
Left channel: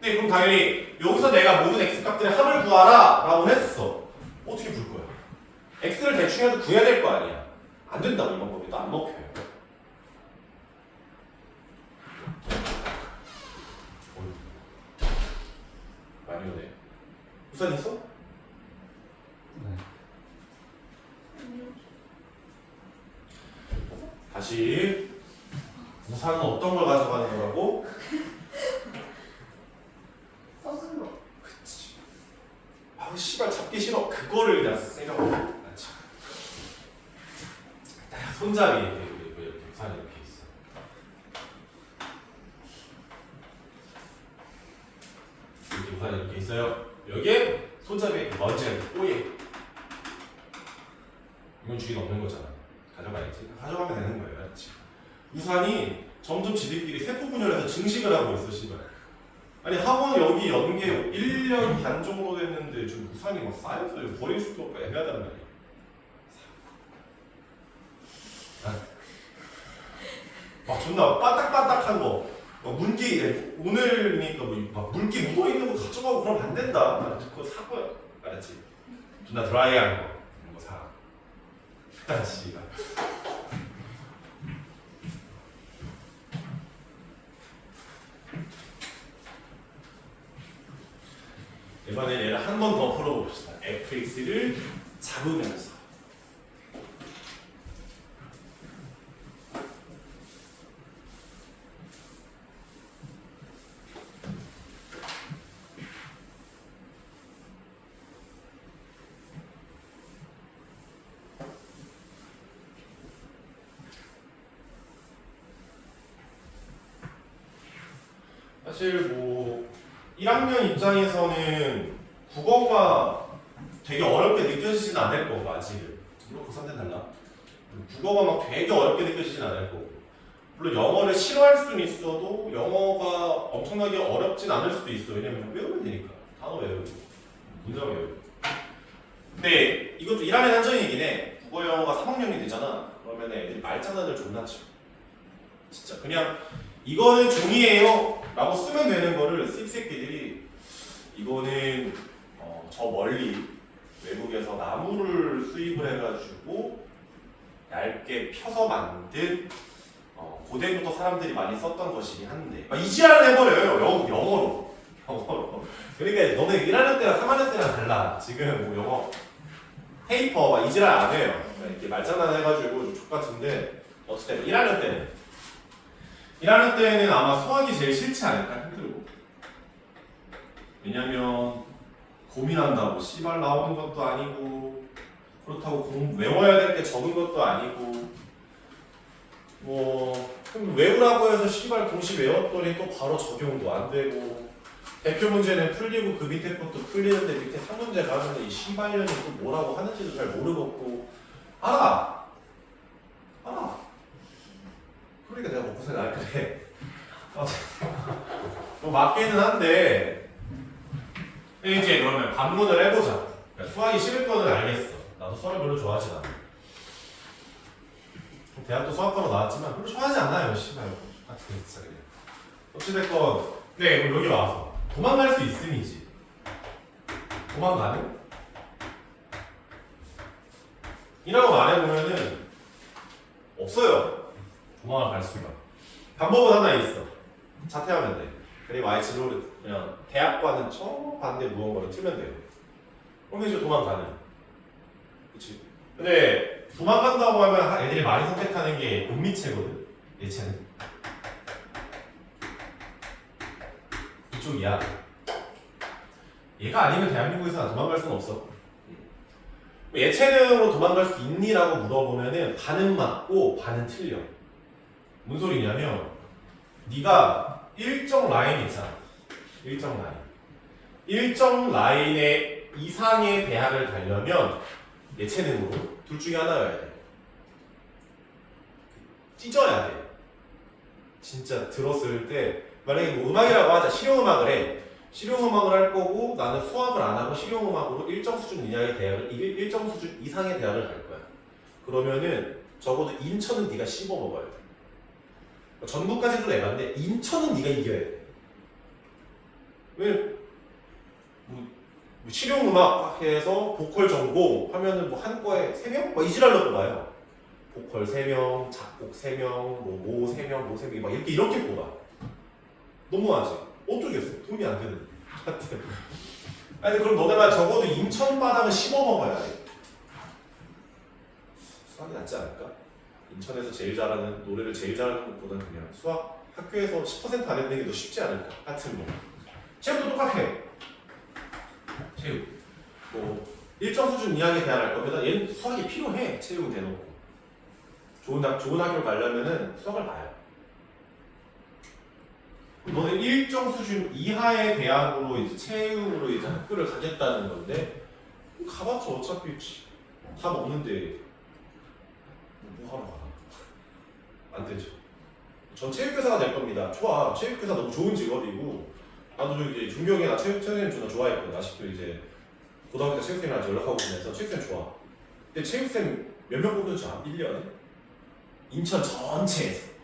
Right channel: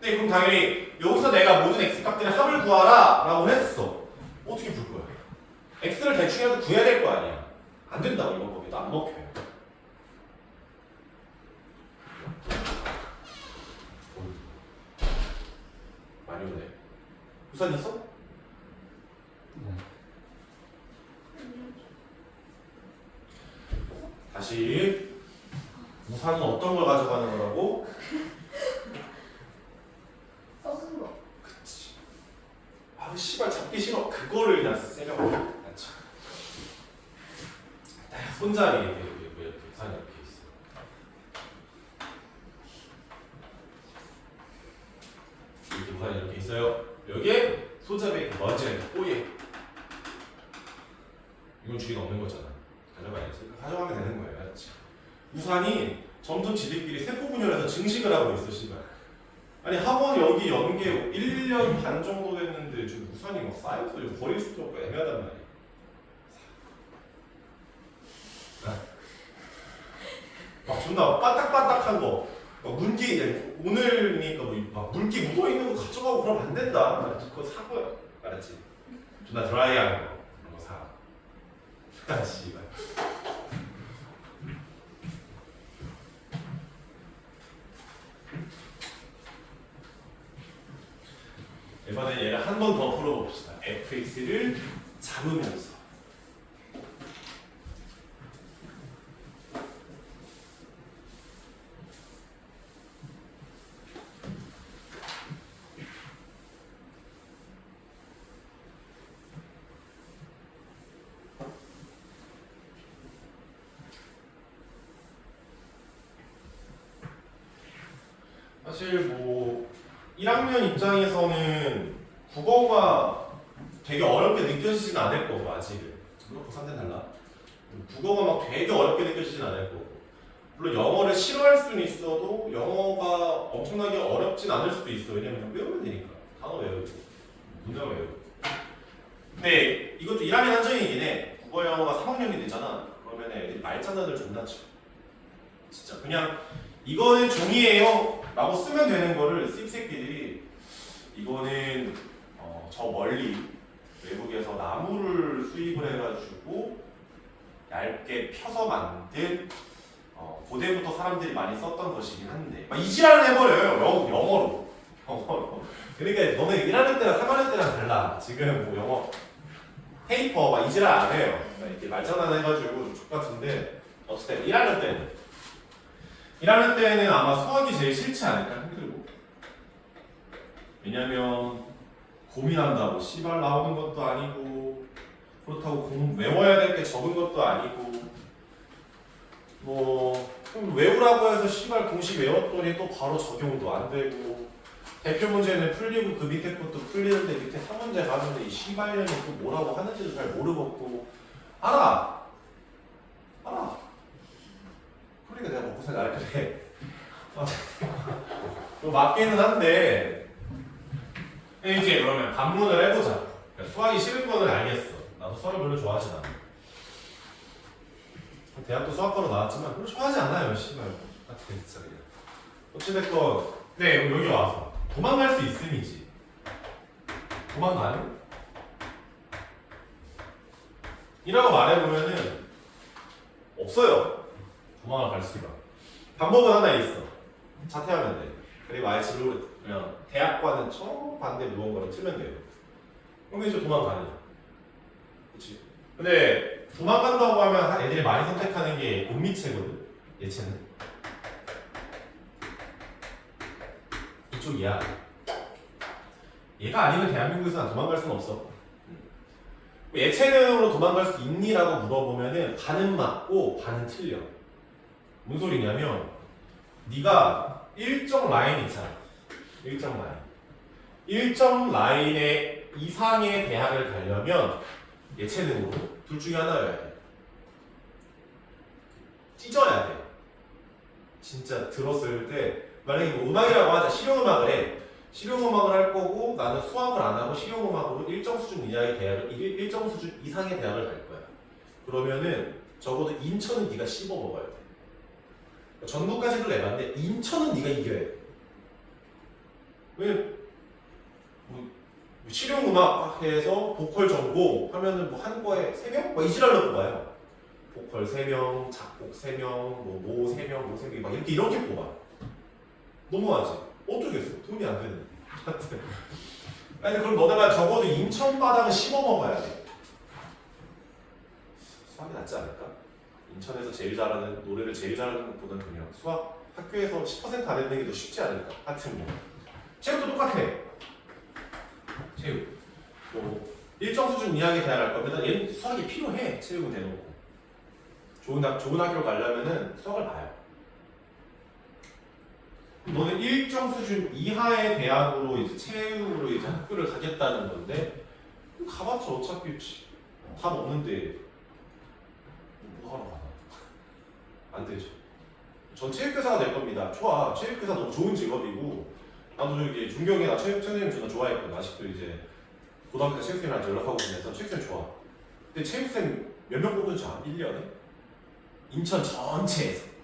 근데 그럼 당연히 여기서 내가 모든 x값들의 합을 구하라 라고 했어. 어떻게 풀 거야? x를 대충이라도 구해야 될 거 아니야. 안 된다고 이런 법이 또 안 먹혀요. 많이 오네. 우산 있어? 네. 다시 우산은 어떤 걸 가져가는 거라고? 써준 거. 그치. 씨발 잡기 싫어. 그거를 이거를 그냥 생각하고 맞죠? 손잡이 이렇게 부산에 이렇게 있어요. 이렇게 부산에 이렇게 있어요. 여기에 손잡이에 먼지가 이렇게 꼬여. 이건 주인 없는 거잖아. 가져가야지. 가져가면 되는 거예요. 맞지? 우산이 점점 지들끼리 세포 분열해서 증식을 하고 있어, 씨발. 아니 학원 여기 연계 1년 반 정도 됐는데 지금 우산이 막 쌓여서 이거 버릴 수도 없고 애매하단 말이야. 막 존나 바닥바닥한 거, 문기 오늘이니까 막 물기 묻어 있는 거 가져가고 그러면 안 된다. 그거 사 거야, 알았지? 존나 드라이한 거 그런 거 사. 씨발. 이번엔 얘를 한 번 더 풀어봅시다. fx를 잡으면서. 사실 뭐 1학년 입장에서는 국어가 되게 어렵게 느껴지진 않을 거고 아직은 물론 고3 때 달라. 국어가 막 되게 어렵게 느껴지진 않을 거고 물론 영어를 싫어할 수는 있어도 영어가 엄청나게 어렵진 않을 수도 있어. 왜냐면 외우면 되니까 단어 외우고 문장 외우고. 근데 이것도 1학년 한정이긴 해. 국어 영어가 3학년이 되잖아. 그러면 애들이 말장난을 존나 쳐. 진짜 그냥 이거는 종이에요 라고 쓰면 되는 거를 씹새끼들이 이거는 저 멀리 외국에서 나무를 수입을 해가지고 얇게 펴서 만든 고대부터 사람들이 많이 썼던 것이긴 한데 막 이 지랄을 해버려요. 영어로. 그러니까 너네 1학년 때랑 3학년 때랑 달라. 지금 뭐 영어 페이퍼 막 이 지랄 안 해요. 이렇게 말장난 해가지고 좀 족같은데 어쨌든 1학년 때는 아마 수학이 제일 싫지 않을까. 힘들고 왜냐면 고민한다고 씨발 나오는 것도 아니고 그렇다고 외워야 될 게 적은 것도 아니고 뭐 외우라고 해서 씨발 공식 외웠더니 또 바로 적용도 안 되고 대표 문제는 풀리고 그 밑에 것도 풀리는데 밑에 3문제 가는데 이 씨발년이 또 뭐라고 하는지도 잘 모르겠고 알아. 그러니까 내가 먹고 살지 않을 그래. 뭐 맞기는 한데 이제 그러면 반문을 해보자. 수학이 싫을 거는 알겠어. 나도 수학을 별로 좋아하진 않아. 대학도 수학과로 나왔지만 별로 좋아하지 않아요. 씨발 같은 진짜 그냥. 어찌됐건 네 그럼 여기 와서 도망갈 수 있음이지. 도망가는? 이라고 말해보면은 없어요. 도망을 갈 수가. 방법은 하나 있어. 자퇴하면 돼. 그리고 아예 진로를 그냥 대학과는 저 반대 무언가를 틀면 돼요. 그럼 이제 도망가니. 그치? 근데 도망간다고 하면 애들이 많이 선택하는 게 은미체거든. 예체는. 이쪽이야. 얘가 아니면 대한민국에서는 도망갈 수는 없어. 예체능으로 도망갈 수 있니라고 물어보면은 반은 맞고 반은 틀려. 무슨 소리냐면 네가 일정 라인 있잖아. 일정 라인의 이상의 대학을 가려면 예체능으로 둘 중에 하나여야 돼. 찢어야 돼. 진짜 들었을 때 만약에 뭐 음악이라고 하자. 실용음악을 해. 실용음악을 할 거고 나는 수학을 안 하고 실용음악으로 일정 수준 이하의 대학을 일정 수준 이상의 대학을 갈 거야. 그러면은 적어도 인천은 네가 씹어 먹어야 돼. 전국까지도 내봤는데 인천은 네가 이겨야 돼. 왜? 뭐 실용음악 해서 보컬 전공 하면은 뭐 한 거에 3명? 막 이지랄로 뽑아요. 보컬 3명, 작곡 3명, 모 3명, 모 3명 막 이렇게 뽑아. 너무하지? 어쩌겠어? 돈이 안 되는데. 아니 그럼 너네가 적어도 인천 바닥은 씹어 먹어야 돼. 수학이 낫지 않을까? 인천에서 제일 잘하는 노래를 제일 잘하는 것보다는 그냥 수학 학교에서 10% 안 했는 게 더 쉽지 않을까? 하여튼 뭐 체육도 똑같아. 체육 뭐 일정 수준 이하의 대학을 갈 겁니다. 얘는 수학이 필요해. 체육은 대놓고. 좋은 학교를 가려면은 수학을 봐요. 너는 일정 수준 이하의 대학으로 이제 체육으로 이제 학교를 가겠다는 건데 가봤자 어차피 답 없는데 뭐 하러 가? 안 되죠. 전 체육교사가 될 겁니다. 좋아. 체육교사 너무 좋은 직업이고 나도 저기 중경에 나 체육선생님 존나 좋아했거든. 아직도 이제 고등학교 때 체육쌤이랑 연락하고 지내서 체육쌤 좋아. 근데 체육쌤 몇 명 뽑는 줄 알아? 1년에? 인천 전체에서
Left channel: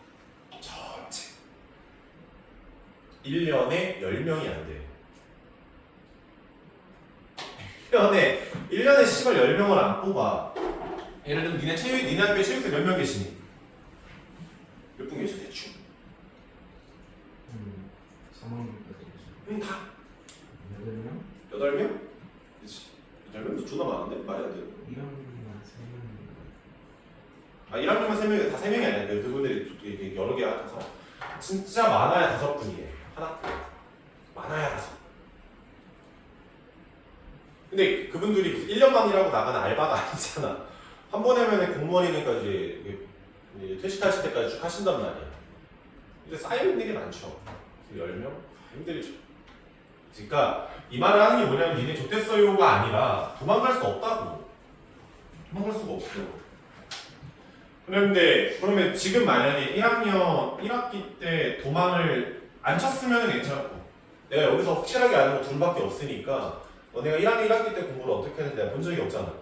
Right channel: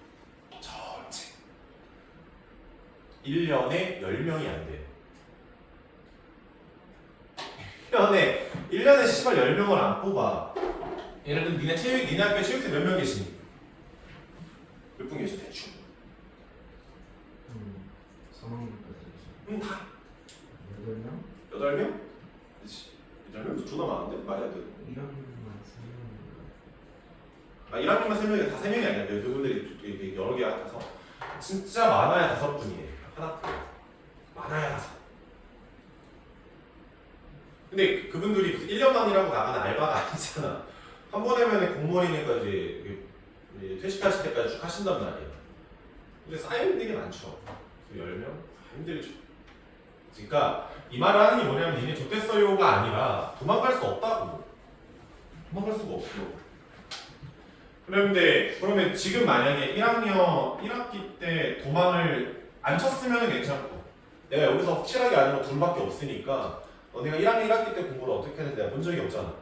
1년에 10명이 안 돼. 1년에 씨발 10명을 안 뽑아. 예를 들면 니네 학교에 체육생 몇 명 계시니? 몇 분 계시 대충? 3학년까지 다 8명? 8명? 그치 8명도 존나 많은데? 말이 안 돼. 1학년만 3명. 1학년만 3명이 다 3명이 아니야. 그분들이 이게 여러 개 같아서 진짜 많아야 5분이에요. 하나 많아야 5. 근데 그분들이 무슨 1년만 일하고 나가는 알바가 아니잖아. 한 번 하면 공무원이니까 이제 퇴직하실 때까지 쭉 하신단 말이야. 근데 쌓여있는 게 많죠. 10명? 힘들죠. 그러니까 이 말을 하는 게 뭐냐면 니네 좋댔어요가 아니라 도망갈 수 없다고. 도망갈 수가 없어. 그런데 그러면 지금 만약에 1학년 1학기 때 도망을 안 쳤으면 괜찮고 내가 여기서 확실하게 아는 거 둘밖에 없으니까 너네가 1학년 1학기 때 공부를 어떻게 했는지 내가 본 적이 없잖아.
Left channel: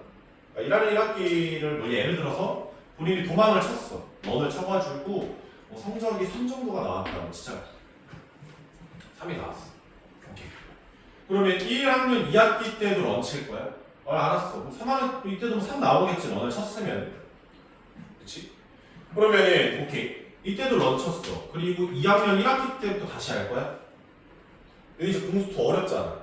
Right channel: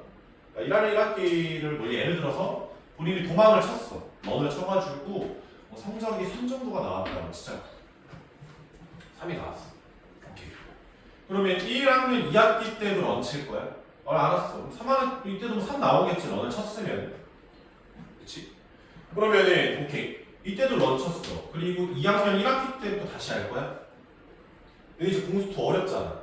그러니까 1학년 1학기를 뭐 예를 들어서 본인이 도망을 쳤어. 런을 쳐가지고 뭐 성적이 3 정도가 나왔다고 진짜 3이 나왔어. 오케이. 그러면 1학년 2학기 때도 런 칠 거야? 알았어. 3학년 이때도 3 나오겠지. 런을 쳤으면. 그치? 그러면은 오케이. 이때도 런 쳤어. 그리고 2학년 1학기 때부터 다시 할 거야? 근데 이제 공수 더 어렵잖아.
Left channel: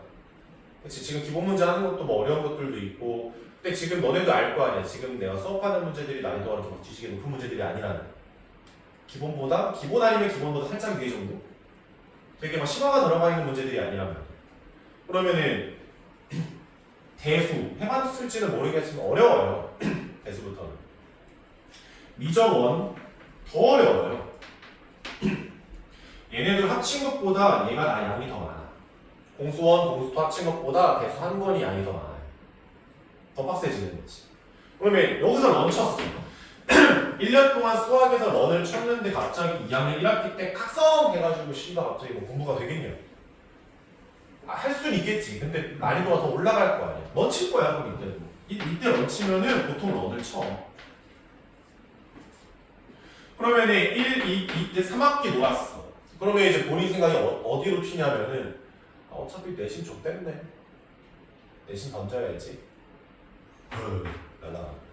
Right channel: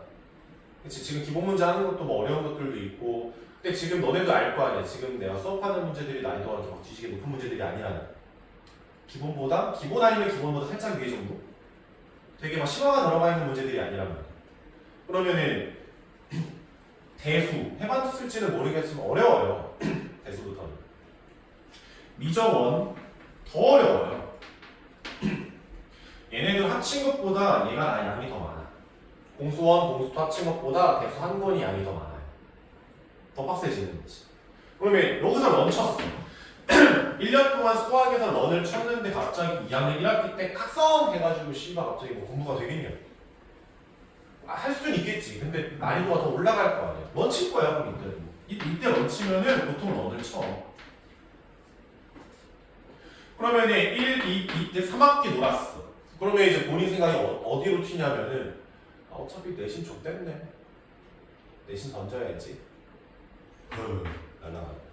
그치? 지금 기본 문제 하는 것도 뭐 어려운 것들도 있고 근데 지금 너네도 알 거 아니야. 지금 내가 수업하는 문제들이 난이도가 이렇게 막 뒤지게 높은 문제들이 아니라는 기본 아니면 기본보다 살짝 위에 정도? 되게 막 심화가 들어가 있는 문제들이 아니라면 그러면은 대수 해봤을지는 모르겠지만 어려워요. 대수부터는 미적원 더 어려워요. 얘네들 합친 것보다 얘가 양이 더 많아. 공수원, 공수토 합친 것보다 대수 한 권이 양이 더 많아요. 더 빡세지는 거지. 그러면 여기서 런 쳤어. 1년 동안 수학에서 런을 쳤는데 갑자기 2학년 1학기 때 각성 해가지고 씨발 갑자기 뭐 공부가 되겠냐? 할 수는 있겠지. 근데 난이도가 더 올라갈 거 아니야. 런 칠 거야 그럼 이때도. 이때 런 치면은 보통 런을 쳐. 그러면은 1, 2 때 3학기 놀았어. 그러면 이제 본인 생각이 어디로 튀냐면은 어차피 내신 좀 뺐네. 내신 던져야지. 날라가는 거죠.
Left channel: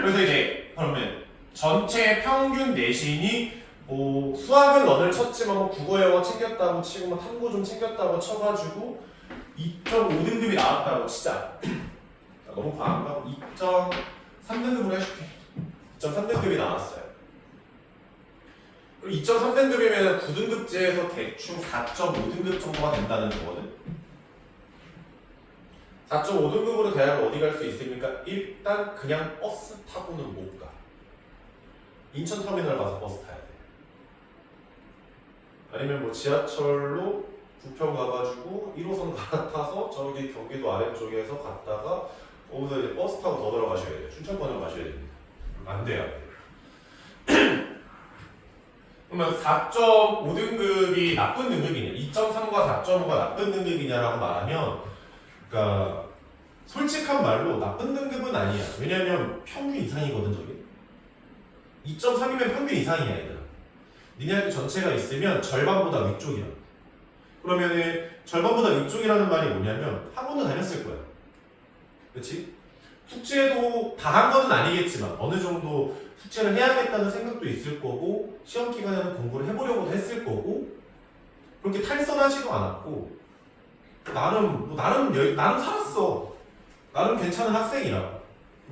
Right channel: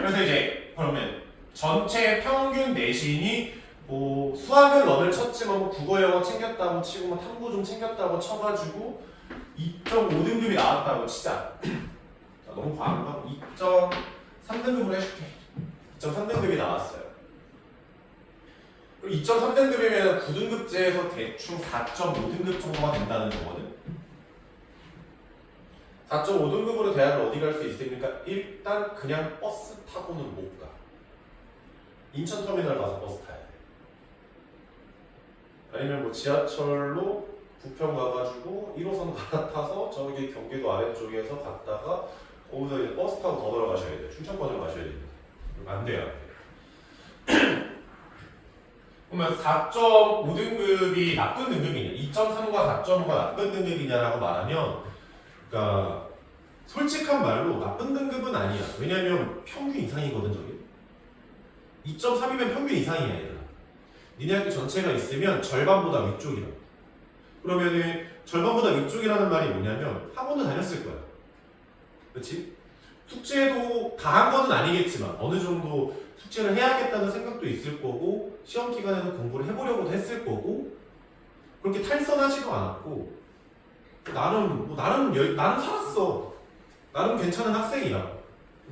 그래서 이제 그러면 전체 평균 내신이 뭐 수학은 런을 쳤지만 뭐 국어 영어 챙겼다고 치고 뭐 탐구 좀 챙겼다고 쳐가지고 2.5등급이 나왔다고 치자. 너무 과한가? 2.3등급으로 해줄게. 2.3등급이 나왔어요. 그리고 2.3등급이면 9등급제에서 대충 4.5등급 정도가 된다는 거거든. 4.5등급으로 대학을 어디 갈 수 있습니까? 일단 그냥 버스 타고는 못 가. 인천터미널 가서 버스 타야 돼. 아니면 뭐 지하철로 부평 가가지고 1호선 갈아타서 저기 경기도 아래쪽에서 갔다가 거기서 이제 버스 타고 더 들어가셔야 돼요. 춘천권으로 가셔야 됩니다. 안 돼요. 그러면 4.5등급이 나쁜 등급이냐? 2.3과 4.5가 나쁜 등급이냐라고 말하면 그러니까 솔직한 말로 나쁜 등급은 아니야. 왜냐면 평균 이상이거든 저게. 2.3이면 평균 이상이야 얘들아. 니네 학교 전체가 있으면 절반보다 위쪽이라. 그러면은 절반보다 위쪽이라는 말이 뭐냐면 학원도 다녔을 거야. 그렇지? 숙제도 다 한 거는 아니겠지만 어느 정도 숙제를 해야겠다는 생각도 있을 거고 시험 기간에는 공부를 해보려고도 했을 거고 그렇게 탈선하지도 않았고 나름 살았어. 나름 괜찮은 학생이라.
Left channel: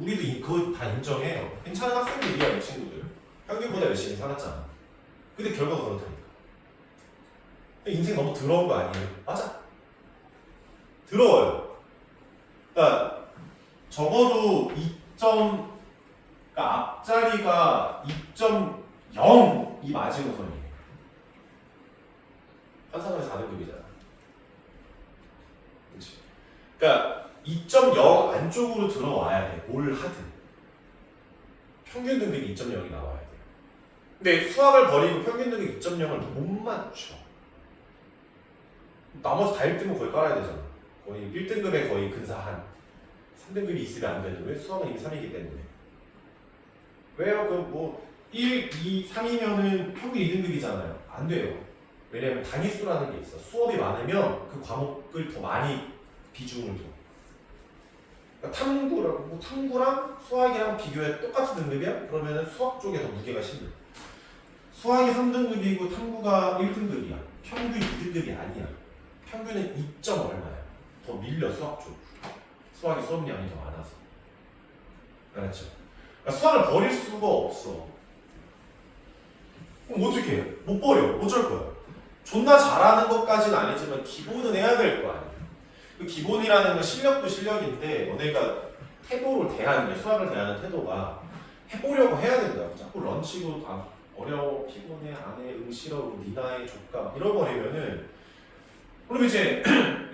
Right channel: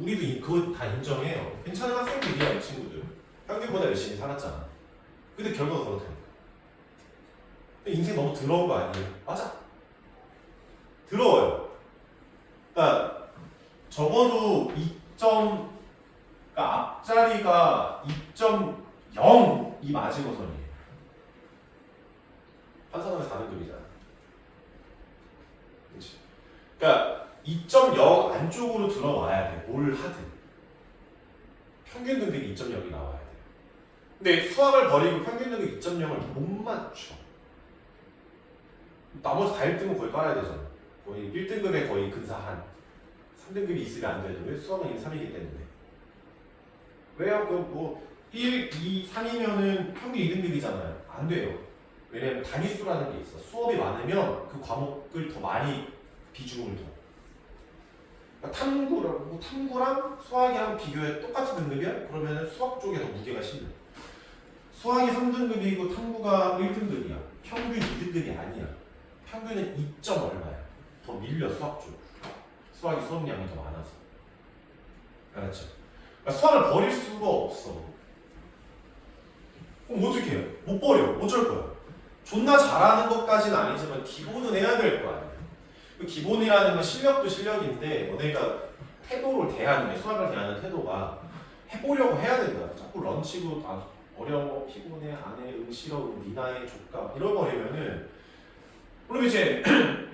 우리도 그거 다 인정해요. 괜찮은 학생들이야 이 친구들. 평균보다 열심히 살았잖아. 근데 결과가 그렇다니까. 인생 너무 더러운 거 아니에요? 맞아. 들어요. 그러니까 적어도 2점, 그러니까 앞자리가 2.0이 마지노선이에요. 한산하면 4등급이잖아. 그렇지? 그러니까 2.0 안쪽으로 들어와야 돼. 뭘 하든. 평균 등급이 2.0이 나와야 돼. 근데 수학을 버리고 평균 등급 2.0을 못 맞춰. 나머지 다 1등급 거의 깔아야 되잖아. 거의 1등급에 거의 근사한 3등급이 있으면 안 되죠. 왜? 수학은 이미 3이기 때문에. 왜요? 그럼 뭐 1, 2, 3이면은 평균 2등급이잖아요. 안 돼요. 왜냐면 단위수라는 게 있어. 수업이 많으면 그 과목을 더 많이 비중을 둬. 그러니까 탐구랑 수학이랑 비교해 똑같은 등급이야? 그러면은 수학 쪽에 더 무게가 실려. 수학이 3등급이고 탐구가 1등급이야. 평균 2등급이 아니야. 평균은 2점 얼마야. 더 밀려 수학 쪽. 수학이 수업량이 더 많아서. 알았죠? 그러니까 수학을 버릴 수가 없어. 그럼 어떻게 해? 못 버려. 어쩔 거야? 존나 잘하는 것까지는 아니지만 기본은 해야 될 거 아니야. 그 기본이라는 건 실력도 실력인데 너네가 태도를 대하는 게 수학을 대하는 태도가 해보려고 해야 된다. 자꾸 런치고 아 어려워 피곤해 안해 싫어 니나해 족가 이러버리면은 그럼 이제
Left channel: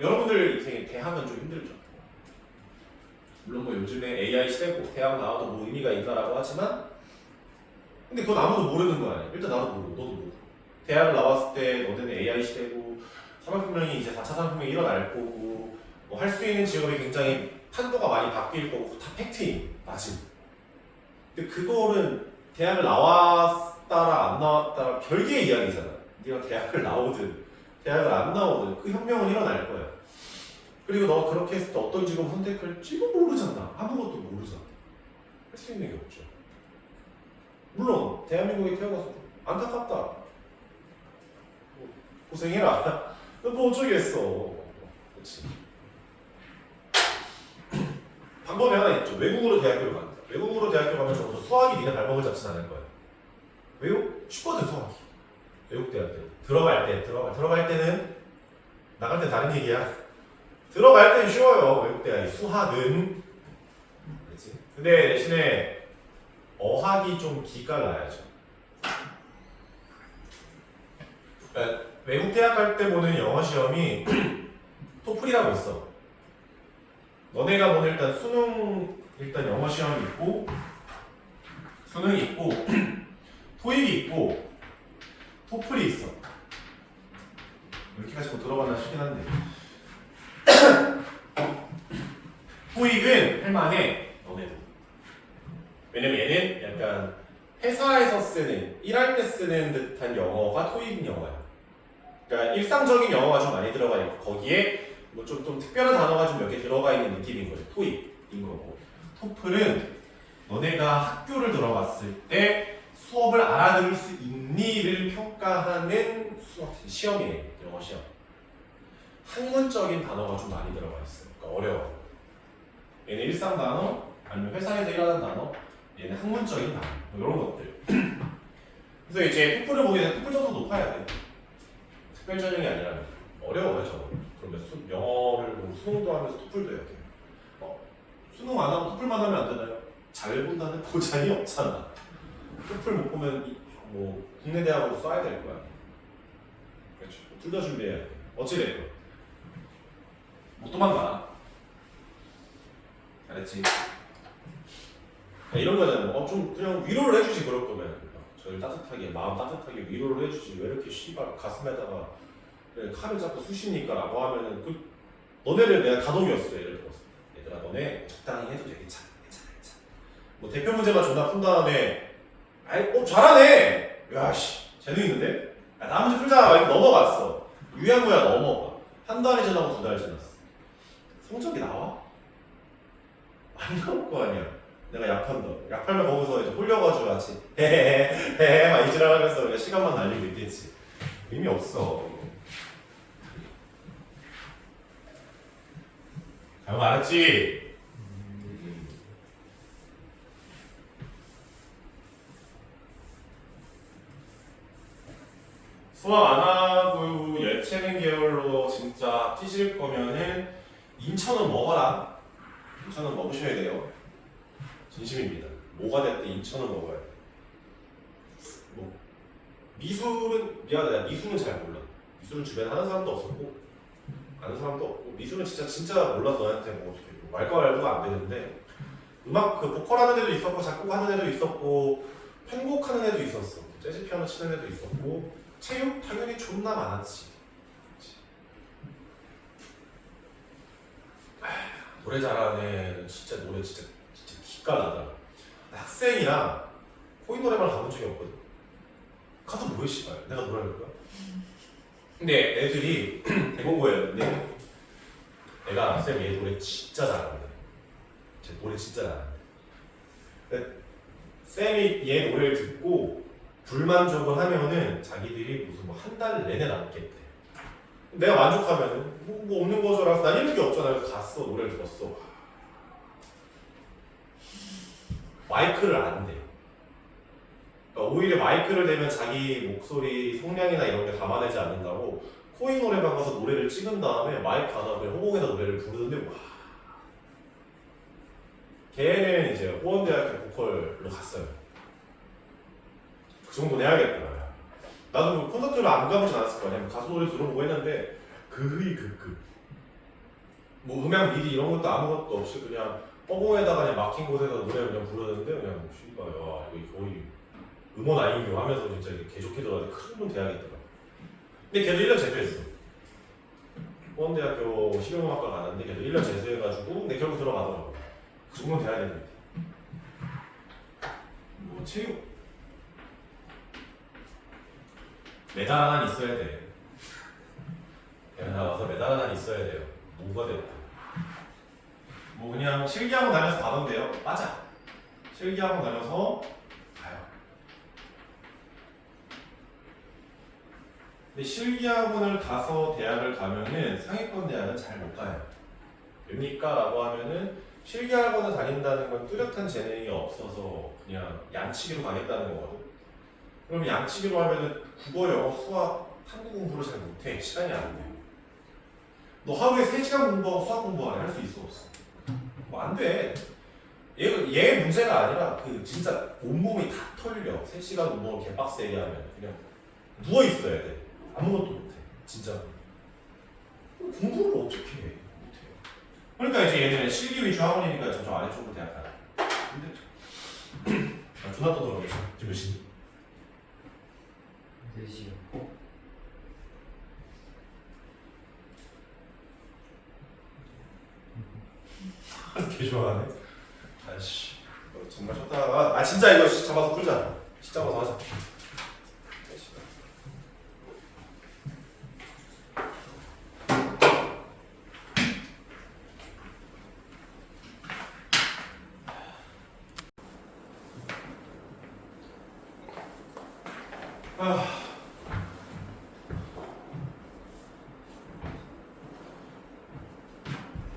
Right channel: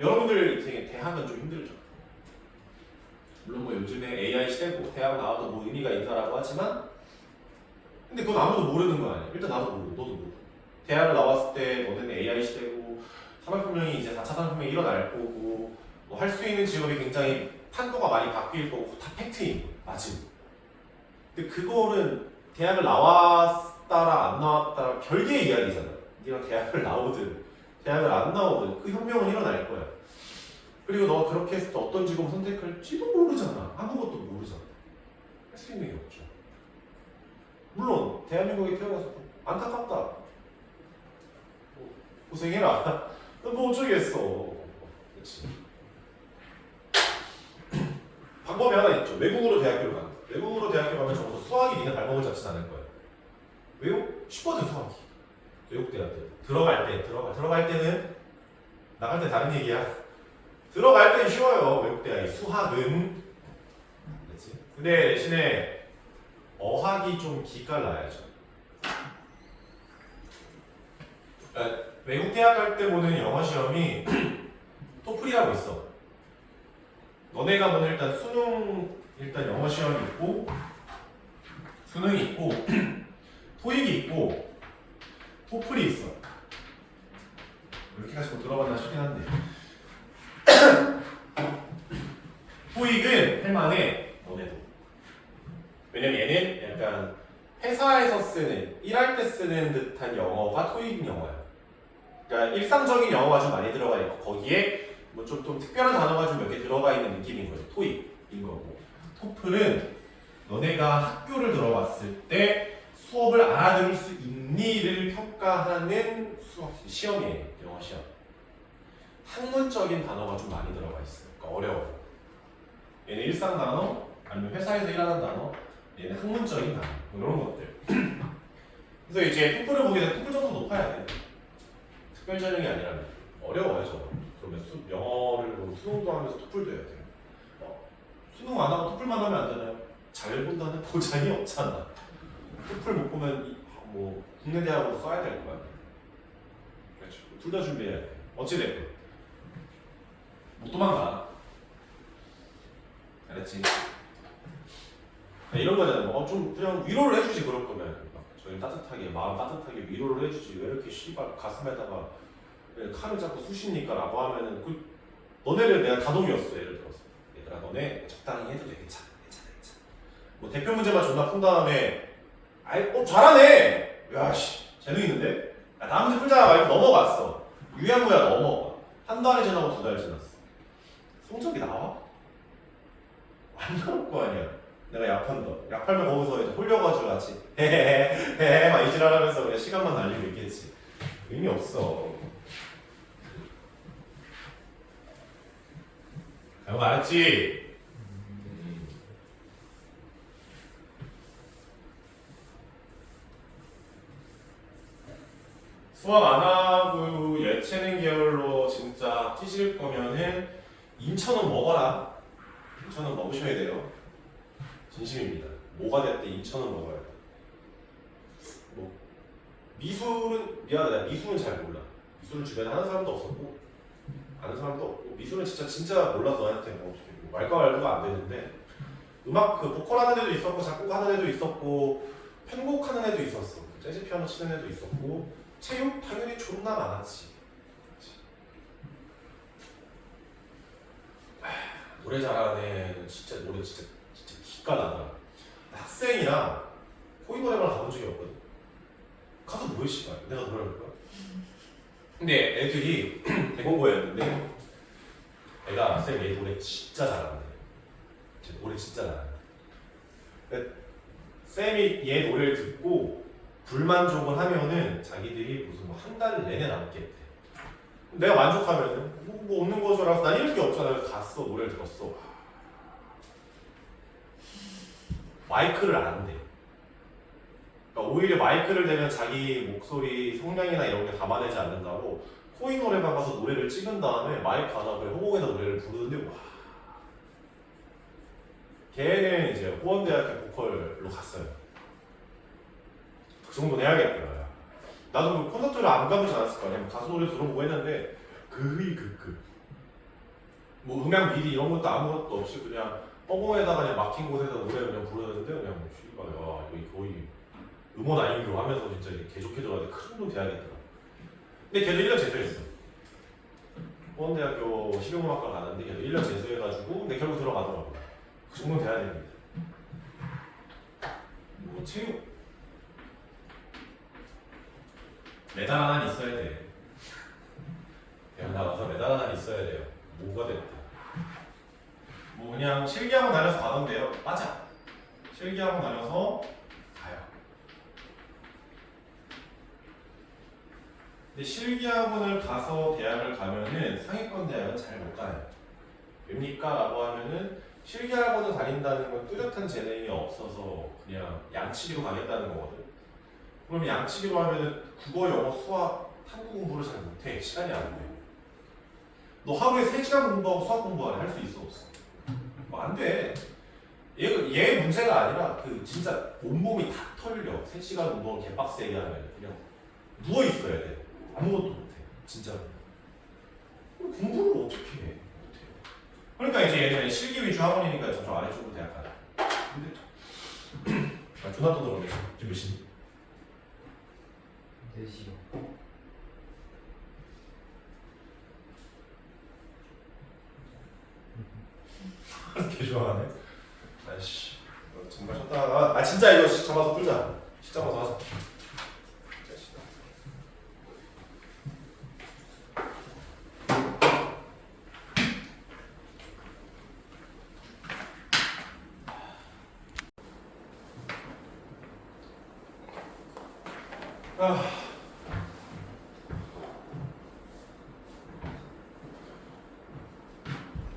여러분들 인생에 대학은 좀 힘들죠. 물론 뭐 요즘에 AI 시대고 대학 나와도 뭐 의미가 있다라고 하지만 근데 그건 아무도 모르는 거 아니야. 일단 나도 모르고 너도 모르고 대학을 나왔을 때 너네는 AI 시대고 산업혁명이 이제 4차 산업혁명이 일어날 거고 뭐 할 수 있는 직업이 굉장히 판도가 많이 바뀔 거고 다 팩트임 맞음. 근데 그거는 대학을 나왔다라 안 나왔다라 별개의 이야기잖아. 네가 대학을 나오든 대학을 안 나오든 그 혁명은 일어날 거야. 그리고 너 그렇게 했을 때 어떤 직업 선택할지도 모르잖아. 아무것도 모르잖아. 할 수 있는 게 없죠. 물론 대한민국에 태어나서 안타깝다. 고생해라. 뭐 어쩌겠어. 그렇지. 방법이 하나 있죠. 외국으로 대학교를 간다. 외국으로 대학교 가면 적어도 수학이 니네 발목을 잡진 않을 거예요. 왜요? 쉽거든 수학이. 외국 대학교 들어갈 때는 나갈 때 다른 얘기야. 들어갈 땐 쉬워요. 외국 대학이 수학은. 그렇지. 근데 대신에 어학이 좀 기깔 나야죠. 그러니까 외국 대학 갈 때 보는 영어 시험이 토플이라고 있어. 너네가 보는 일단 수능 일단 영어 시험이 있고 수능이 있고 토익이 있고 토플이 있어. 이렇게까지 뭐 들어봤나 싶긴 한데 토익은 할만해 너네도. 왜냐면 얘는 약간 회사에서 쓰는 일할 때 쓰는 듯한 영어가 토익 영어야. 그러니까 일상적인 영어가 좀 많이 들어가 있고 거기에 뭐 좀 특별한 단어가 좀 몇 개 들어가 있는 느낌인 거죠. 토익인 거고. 토플은 너네가 학교를 들어갔을 때 수업을 알아들을 수 있니를 평가하는 수학 시험이에요. 영어 시험. 학문적인 단어가 좀 많이 들어가 있어요. 그러니까 어려워. 얘는 일상 단어 아니면 회사에서 일하는 단어, 얘는 학문적인 단어 뭐 이런 것들. 그래서 이제 토플을 보게 되면 토플 점수 높아야 돼. 특별 전형이 아니라면 어려워요 저거. 그러면 영어를 뭐 수능도 하면서 토플도 해야 돼요. 수능 안 하고 토플만 하면 안 되나요? 잘 본다는 보장이 없잖아. 토플 못 보면 뭐 국내 대학으로 써야 될 거야. 그렇죠. 둘 다 준비해야 돼. 어찌됐건 못 도망가. 알았지? 이런 거잖아요. 좀 그냥 위로를 해주지 그럴 거면 저희 따뜻하게 마음 따뜻하게 위로를 해주지 왜 이렇게 씨발 가슴에다가 칼을 잡고 쑤시니까라고 하면은 너네를 내가 다독였어 예를 들어서 얘들아 너네 적당히 해도 돼 괜찮아. 뭐 대표 문제만 존나 푼 다음에 잘하네 야씨 재능 있는데 다음 문제 풀자 이렇게 넘어갔어 유야무야 넘어가 한 달이 지나고 2달 지났어 성적이 나와? 안 나올 거 아니야. 내가 약한다. 약하면 거기서 이제 홀려가지고 같이 헤헤헤헤 막 이지랄하면서 그냥 시간만 날리고 있겠지. 의미 없어. 잘 알았지? 수학 안 하고 예체능 계열로 진짜 뛰실 거면은 인천은 먹어라. 인천은 먹으셔야 돼요. 진심입니다. 뭐가 됐든 인천은 먹어야 돼. 뭐 미술은 미안하다. 내가 미술은 잘 몰라. 미술은 주변에 하는 사람도 없었고 아는 사람도 없고 미술은 진짜 몰라서 너한테 뭐 말과 말도가 안 되는데 음악 그 보컬 하는 애도 있었고 작곡 하는 애도 있었고 편곡 하는 애도 있었어. 재즈 피아노 치는 애도 있었고 체육 당연히 존나 많았지. 노래 잘하는 애는 진짜 노래 진짜 기가 나더라. 학생이랑 코인 노래방 가본 적이 없거든. 가서 뭐해 씨발 내가 노래를 할까? 근데 애들이 대공고였는데 애가 쌤 얘 노래 진짜 잘하는데 쟤 노래 진짜 잘하는데 쌤이 얘 노래를 듣고 불만족을 하면은 자기들이 무슨 뭐 한 달 내내 남겠대. 내가 만족하면은 뭐 없는 거죠 라서 난 이럴 게 없잖아. 그래서 갔어 노래를 들었어. 마이크를 안 대. 그러니까 오히려 마이크를 대면 자기 목소리 성량이나 이런 게 담아내지 않는다고 코인 노래방 가서 노래를 찍은 다음에 마이크 하다 보니 허공에다 노래를 부르는데 와. 걔는 이제 호원대학교 보컬로 갔어요. 그 정도는 해야겠더라. 나도 그 콘서트를 안 가보지 않았을 거 아니야. 가수 노래 들어보고 했는데 뭐 음향 미디 이런 것도 아무것도 없이 그냥 허공에다가 그냥 막힌 곳에서 노래 그냥 부르는데 그냥 씨발 야 이거 거의 음원 아이교 하면서 진짜 개좋게 들어가는데 큰 돈 돼야겠더라. 근데 걔도 1년 재수했어. 호원대학교 실용음악과 가는데 걔도 1년 재수해가지고 근데 결국 들어가더라고. 그 정도는 돼야 됩니다. 뭐 체육 메달 하나 있어야 돼. 그냥 나가서 메달 하나 있어야 돼요. 뭐가 됐든. 뭐 그냥 실기학원 다녀서 가던데요. 맞아. 실기학원 다녀서 가요. 근데 실기학원을 가서 대학을 가면은 상위권 대학은 잘 못 가요. 왜입니까? 라고 하면은 실기학원을 다닌다는 건 뚜렷한 재능이 없어서 그냥 양치기로 가겠다는 거거든. 그럼 양치기로 하면은 국어, 영어, 수학, 탐구 공부를 잘 못해. 시간이 안 돼. 너 하루에 3시간 공부하고 수학 공부하래. 할 수 있어 없어? 뭐 안 돼. 얘 문제가 아니라 그 진짜 온몸이 다 털려. 3시간 운동을 개빡세게 하면 그냥 누워 있어야 돼. 아무것도 못해. 진짜. 공부를 어떻게 해? 못해. 그러니까 이제 얘는 실기 위주 학원이니까 저쪽 아래쪽으로 대학 가자. 힘들죠. 나 존나 떠들어가겠어. 지금 몇 시니? 4시요. 개 좋아하네. 아이씨, 너 정말 쳤다가 진짜 이거 잡아서 풀자. 잡아서 하자.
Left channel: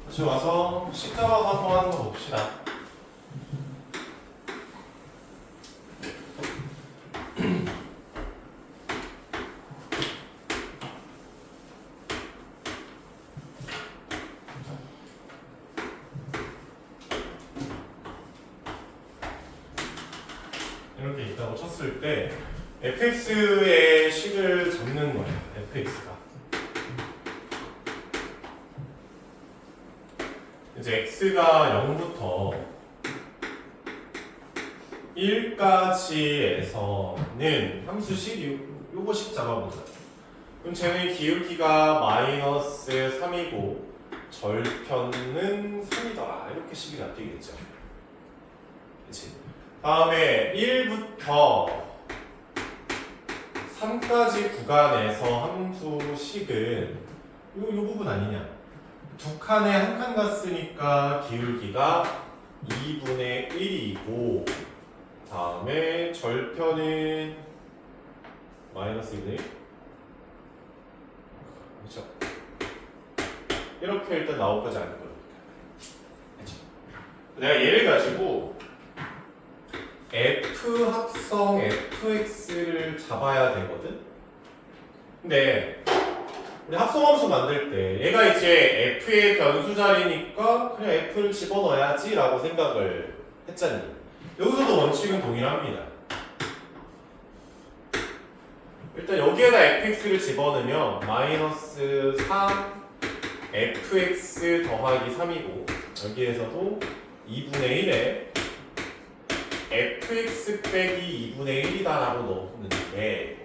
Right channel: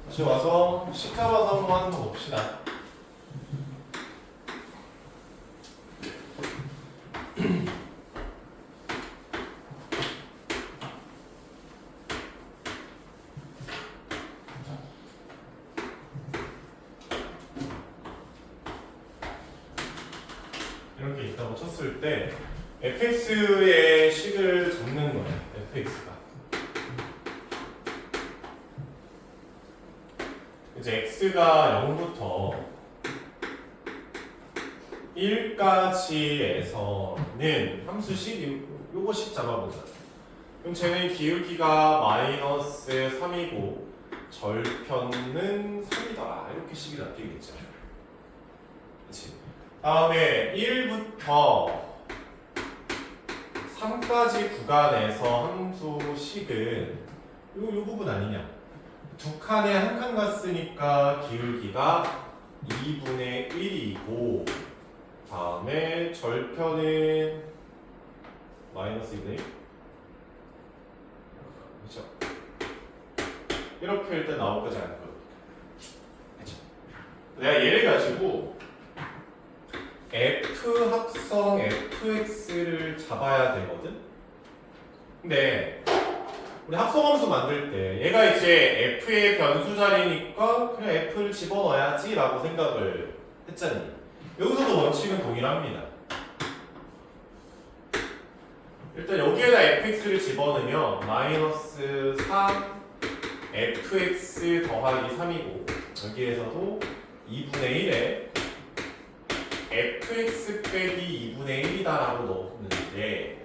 다시 와서 십자가 사성하는 거 봅시다. 이렇게 있다고 쳤을 때 fx의 식을 적는 거예요. fx가 이제 x가 0부터 1까지에서는 함수식 요거식 잡아보자. 그럼 쟤는 기울기가 마이너스 3이고 절편은 3이더라. 이렇게 식이 나타나겠죠. 그치? 다음에 1부터 3까지 구간에서 함수식은 요 부분 아니냐? 두 칸에 한 칸 갔으니까 기울기가 2분의 1이고 다음에 절편은 마이너스 2분의 1 그렇죠? 이렇게 일단 나올 거지 않을 거예요. 그렇죠? 내가 얘를 가지고 f 합성 fx를 잡아야 되거든? 근데 우리 합성함수 만들 때 얘가 이제 f의 변수 자리니까 그냥 f를 집어넣어야지 라고 생각을 했잖니. 여기서도 원칙은 동일합니다. 일단 여기에다 fx를 집어넣으면 마이너스 3 fx 더하기 3이고 여기에서도 2분의 1에 fx 빼기 2분의 1이다 라고 넣었는데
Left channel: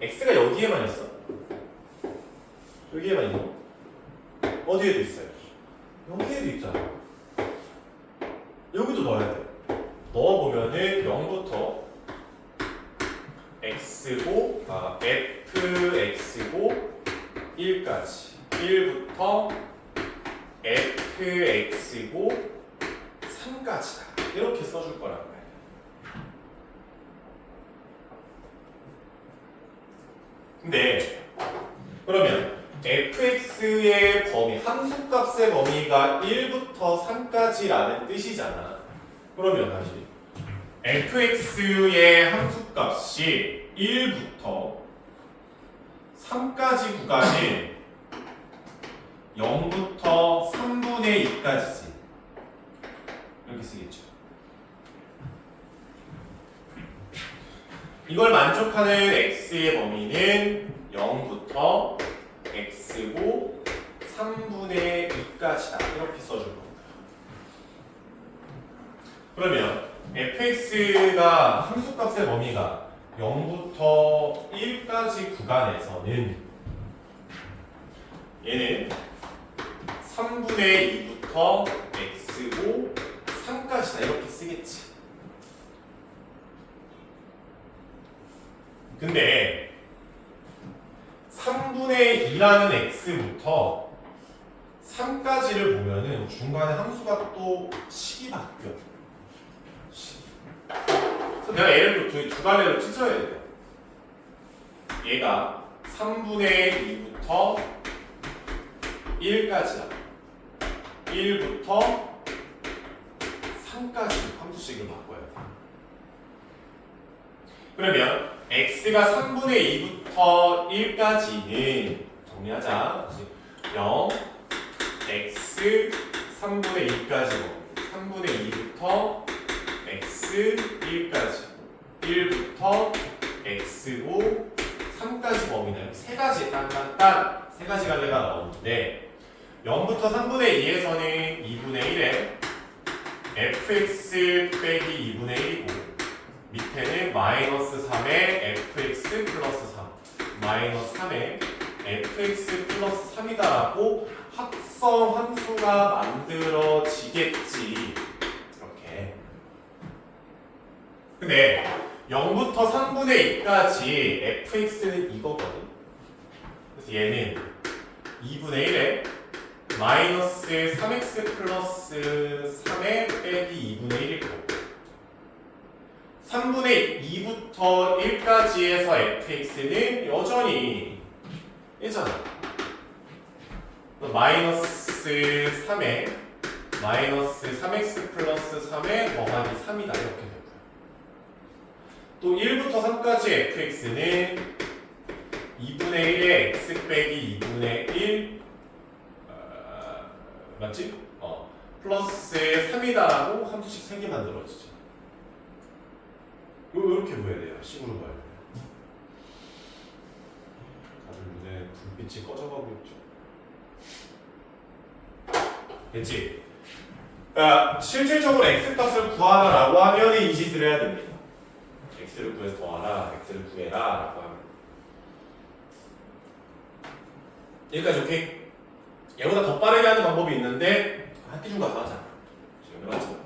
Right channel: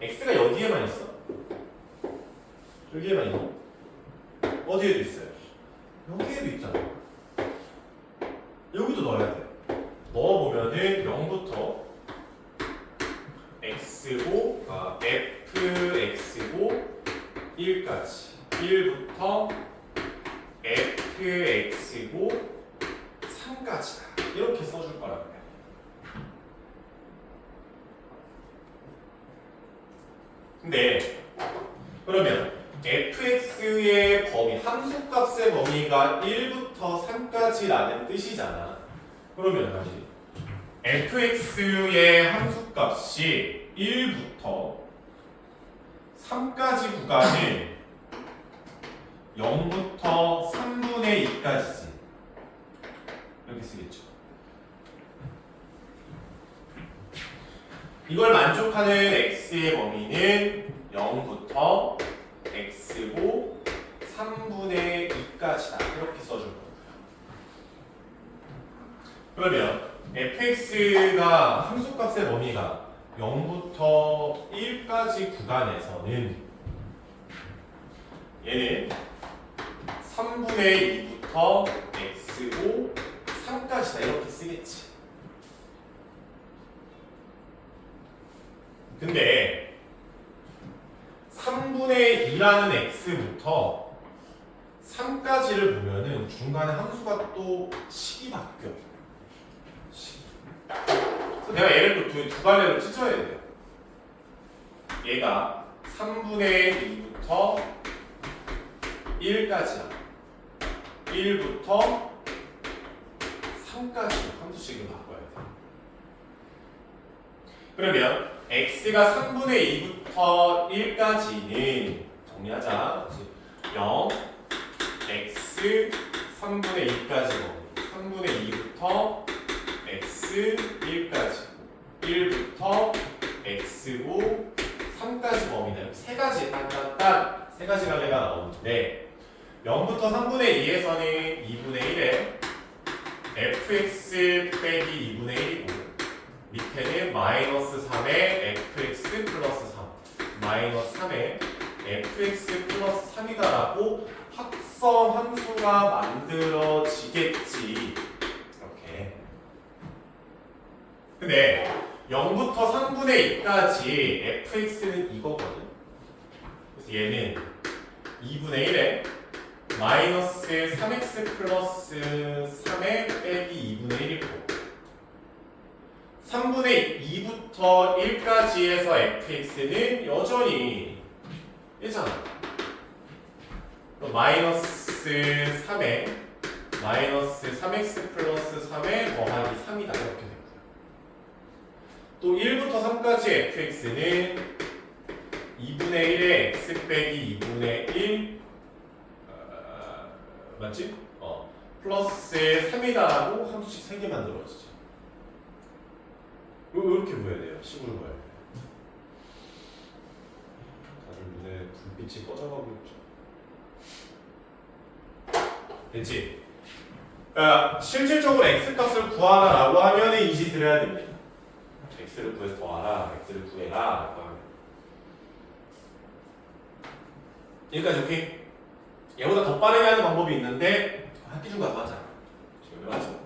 x가 여기에만 있어? 여기에만 있어? 어디에도 있어요? 여기에도 있잖아. 여기도 넣어야 돼. 넣어보면은 0부터 x고 fx고 1까지 1부터 fx고 3까지다 이렇게 써줄 거란 말이야. 근데 그러면 fx의 범위, 함수값의 범위가 1부터 3까지라는 뜻이잖아. 그러면 다시 fx의 함수값이 1부터 3까지 구간이 0부터 3분의 2까지지. 이렇게 쓰겠죠. 이걸 만족하는 x의 범위는 0부터 x고 3분의 2까지다. 이렇게 써줄 겁니다. 그러면 fx가 함수값의 범위가 0부터 1까지 구간에서는 얘는 3분의 2부터 x고 3까지다 이렇게 쓰겠지. 근데 3분의 2라는 x부터 3까지를 보면은 중간에 함수가 또 식이 바뀌어. 그래서 내가 얘를 두 갈래로 찢어야 돼요. 얘가 3분의 2부터 1까지야. 1부터 3까지 함수식을 바꿔야 돼. 그러면 x가 3분의 2부터 1까지는 정리하자. 0, x 3분의 2까지 3분의 2부터 x 1까지 1부터 x고 3까지 범위는 세 가지 딴딴딴 세 가지 갈래가 나오는데 0부터 3분의 2에서는 2분의 1에 fx 빼기 2분의 1이고 밑에는 마이너스 3에 fx 플러스 3 마이너스 3에 fx 플러스 3이다라고 합성 함수가 만들어지겠지. 이렇게. 근데 0부터 3분의 2까지 fx는 이거거든. 그래서 얘는 2분의 1에 마이너스 3x 플러스 3에 빼기 2분의 1이고 3분의 2부터 1까지에서 fx는 여전히 1잖아. 마이너스 3에 마이너스 3x 플러스 3에 더하기 3이다 이렇게 되고요. 또 1부터 3까지 fx는 2분의 1에 x 빼기 2분의 1 맞지? 플러스 3이다라고 함수식 3개 만들어지죠. 이렇게 보여야 돼요. 식으로 봐야 돼요. 다들 눈에 불빛이 꺼져가고 있죠. 됐지? 그러니까 실질적으로 x값을 구하라라고 하면 이 짓을 해야 됩니다. x를 구해서 더하라, x를 구해라 라고 하면 여기까지 오케이? 얘보다 더 빠르게 하는 방법이 있는데 학기 중 가서 하자. 지금 하죠.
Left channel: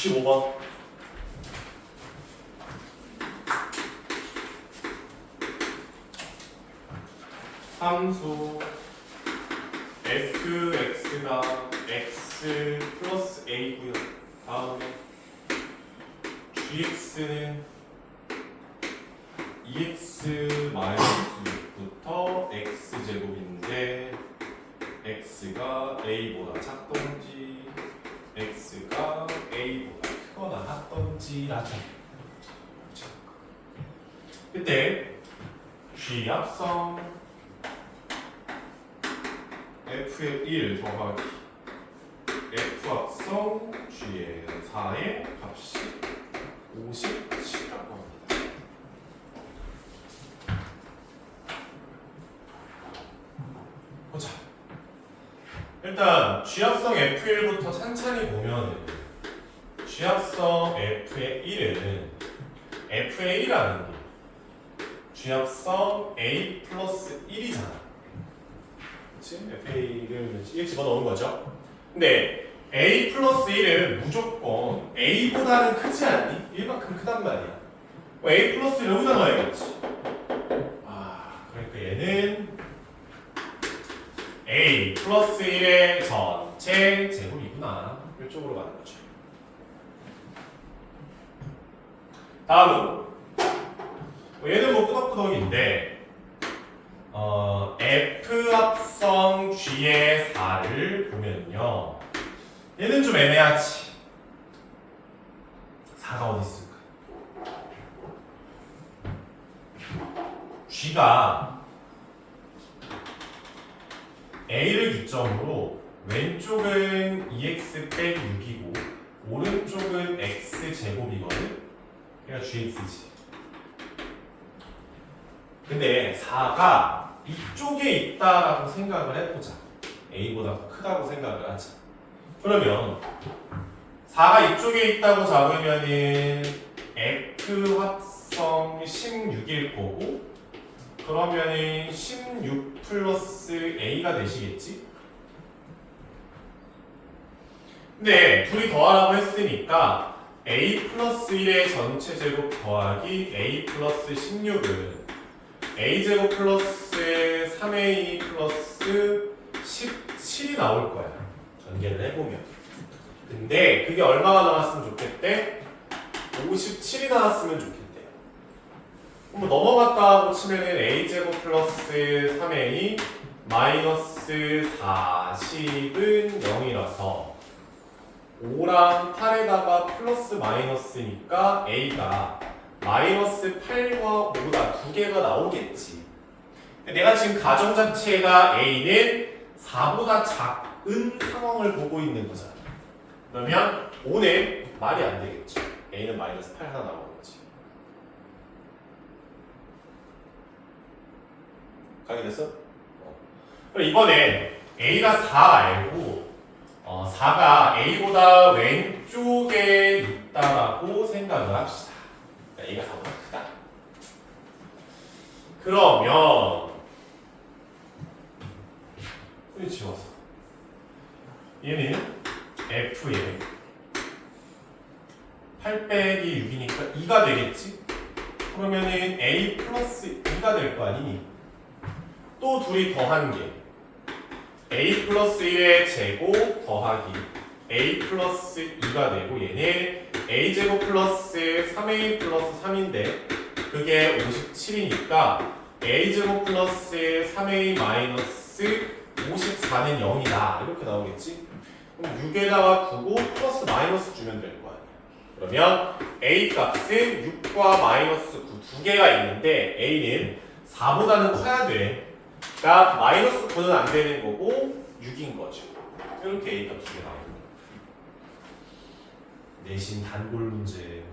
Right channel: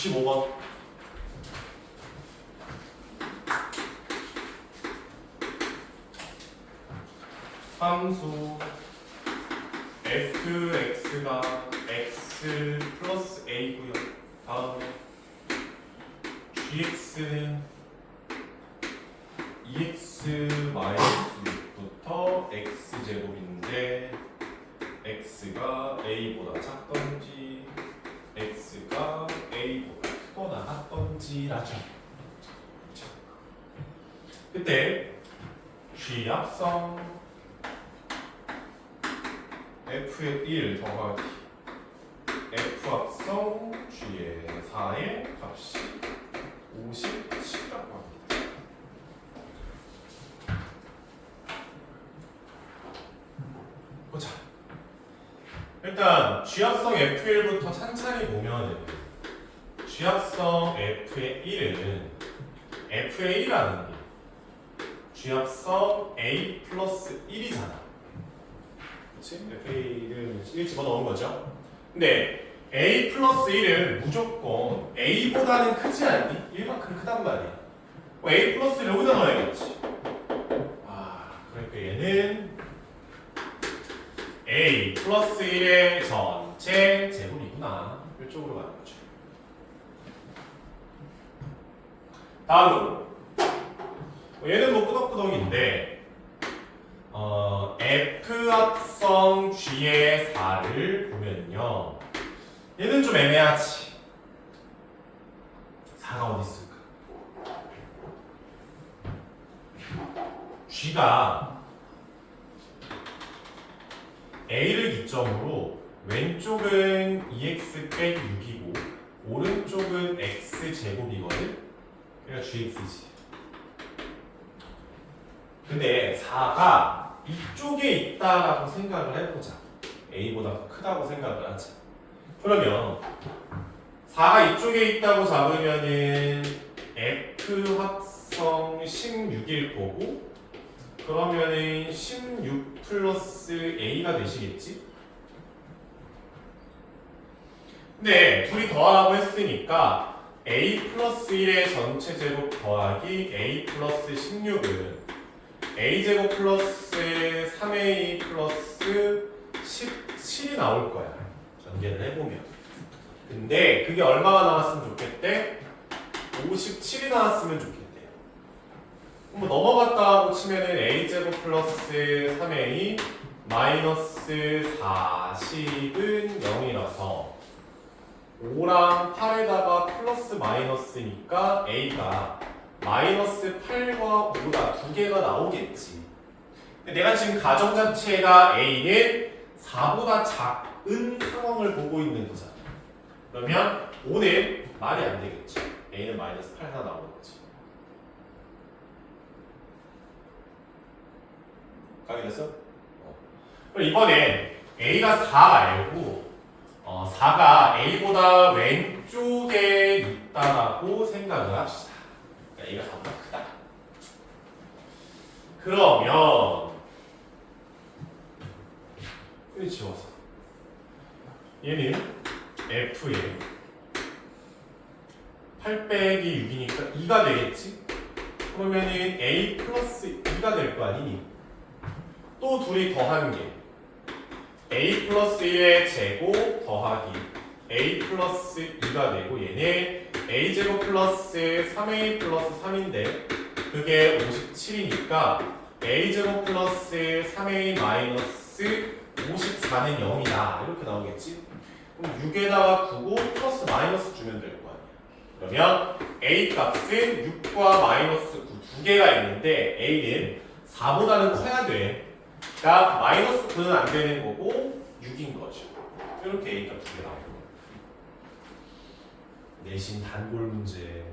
65번. 함수 fx가 x 플러스 a고요. 다음에 gx는 2x 마이너스 6부터 x제곱인데 x가 a보다 작던지 x가 a보다 크거나 같던지라죠. 그때 g합성 f의 1 더하기 f합성 g의 4의 값이 57이라고 합니다. 보자. 일단 g합성 f1부터 찬찬히 보면은 g합성 f의 1은 f의 1이라는 게 g합성 a 플러스 1이잖아. 그치? FA를 1 집어넣은 거죠. 근데 A 플러스 1은 무조건 A보다는 크지 않니? 1만큼 크단 말이야. A 플러스 1 여기다 넣어야겠지. 그러니까 얘는 A 플러스 1의 전체 제곱이구나. 이쪽으로 가는 거죠. 다음으로 얘는 뭐 끄덕끄덕인데 F 합성 G의 4를 보면요. 얘는 좀 애매하지. 4가 어디 있을까? G가 A를 기점으로 왼쪽은 2x 뺀 6이고 오른쪽은 x 제곱이거든. 그러니까 GX지. 근데 4가 이쪽에 있다라고 생각을 해보자. A보다 크다고 생각을 하자. 그러면 4가 이쪽에 있다고 잡으면은 F 합성 16일 거고, 그러면은 16 플러스 A가 되시겠지? 근데 둘이 더하라고 했으니까 A 플러스 1의 전체 제곱 더하기 A 플러스 16은 a제곱 플러스 3a 플러스 17이 나올 거야. 전개를 해보면. 근데 그게 얼마가 나왔으면 좋겠대? 57이 나왔으면 좋겠대요. 그럼 넘어갔다 하고 치면은 a제곱 플러스 3a 마이너스 40은 0이라서 5랑 8에다가 플러스 마이너스니까 a가 마이너스 8과 5다 두 개가 나오겠지. 내가 지금 가정자체가 A는 4보다 작은 상황을 보고 있는 거잖아. 그러면 5는 말이 안 되겠지. A는 마이너스 8 하나 나오는 거지. 가게 됐어? 그럼 이번엔 A가 4 말고 4가 A보다 왼쪽에 있다라고 생각을 합시다. A가 4보다 크다. 그러면 여기 지워서 얘는 F에 8 빼기 6이니까 2가 되겠지? 그러면은 A 플러스 2가 될 거 아니니? 또 둘이 더한 게 A 플러스 1의 제곱 더하기 A 플러스 2가 되고, 얘는 A제곱 플러스 3A 플러스 3인데 그게 57이니까 A제곱 플러스 3A 마이너스 54는 0이다. 이렇게 나오겠지? 그럼 6에다가 9고 플러스 마이너스 주면 될 거 아니야. 그러면 A 값은 6과 마이너스 9 두 개가 있는데 A는 4보다는 커야 돼. 그러니까 마이너스 9는 안 되는 거고 6인 거죠. 이렇게 A 값 두 개 나옵니다. 내신 단골 문제.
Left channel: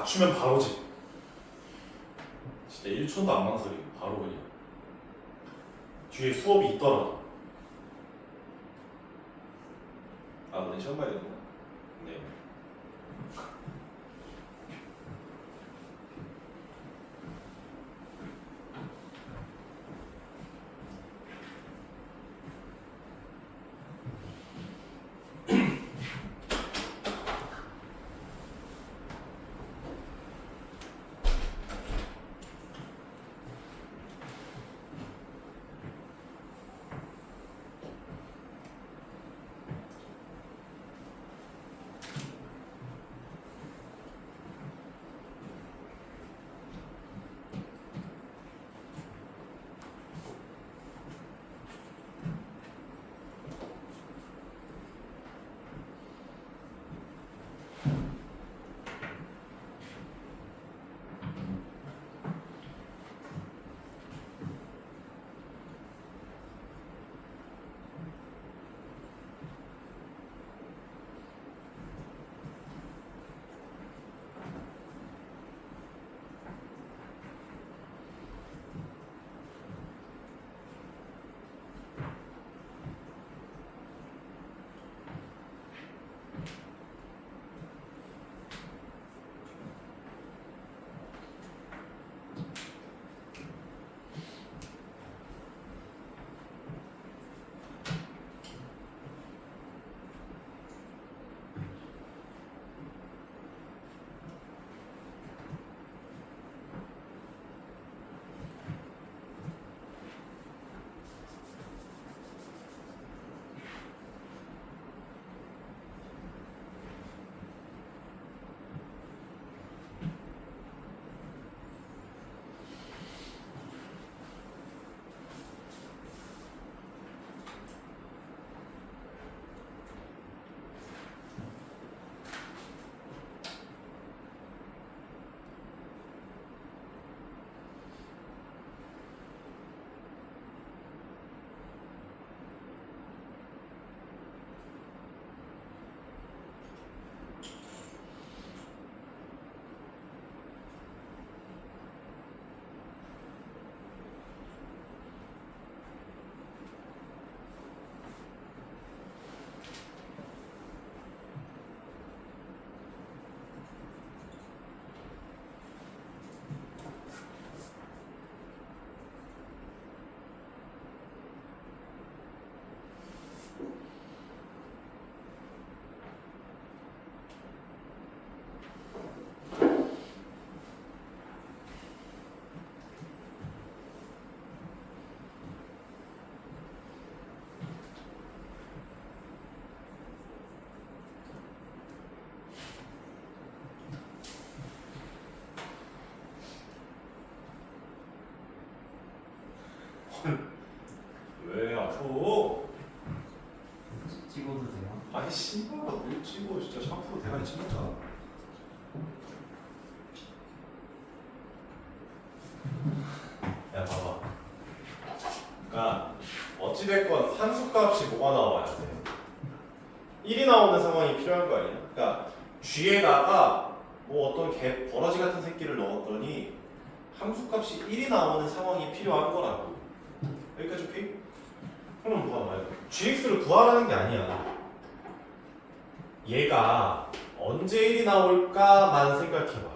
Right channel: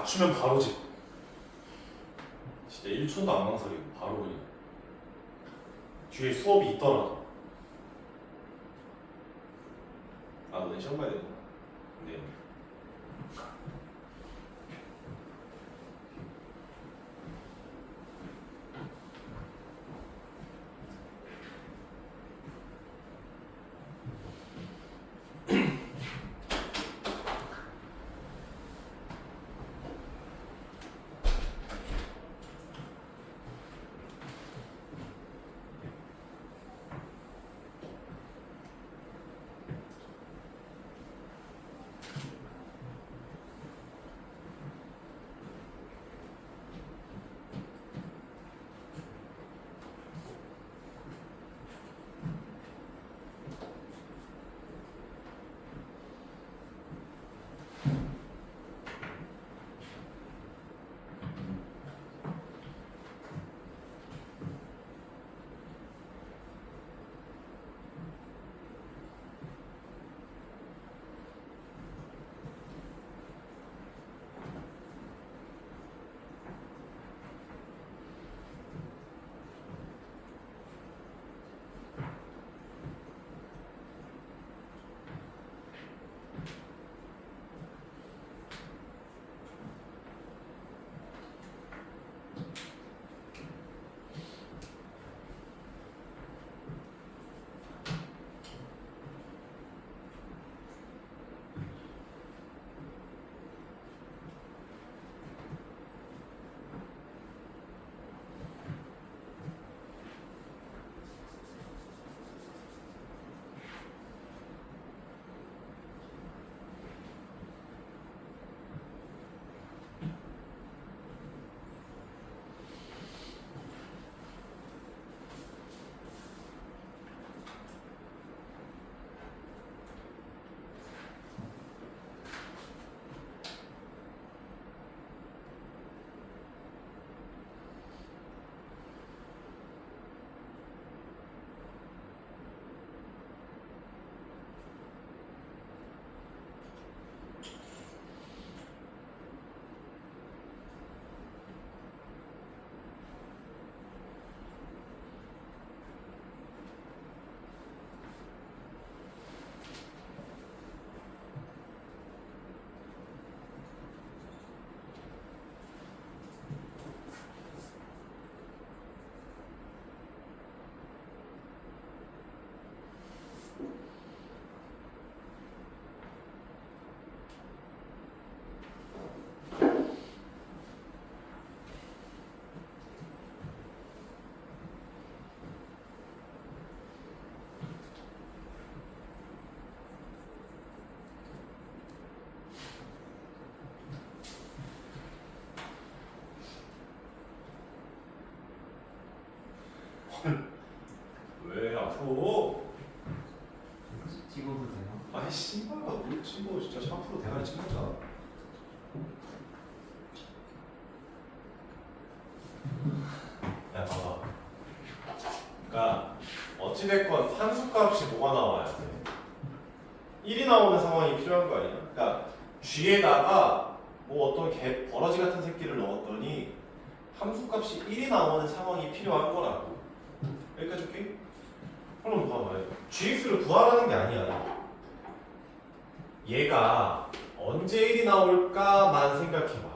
맞추면 바로 집. 진짜 1초도 안 망설이고 바로 그냥. 뒤에 수업이 있더라도. 아, 너네 시험 봐야 되구나. 네. 왜 앞으로? 찍어도 돼요? 아니 씨발 뭘 찍어 진짜 샤프로 대가리 찍었잖아. 야 봐봐. 그러니까 어찌됐건 함수값이 뭐가 나와야 돼? 1이 나오는 상황이 필요한 거 아니야? 그러니까 G에다가 뭐 어떤 개 버러지 같은 새끼를 넣었더니 함수값이 1이 나오는 상황이 필요한 거라고. 여기까지 오케이? 그럼 봐봐. GX를 구하라는 게 아니야. 얘가 언제 1이 나올까만 생각해봐.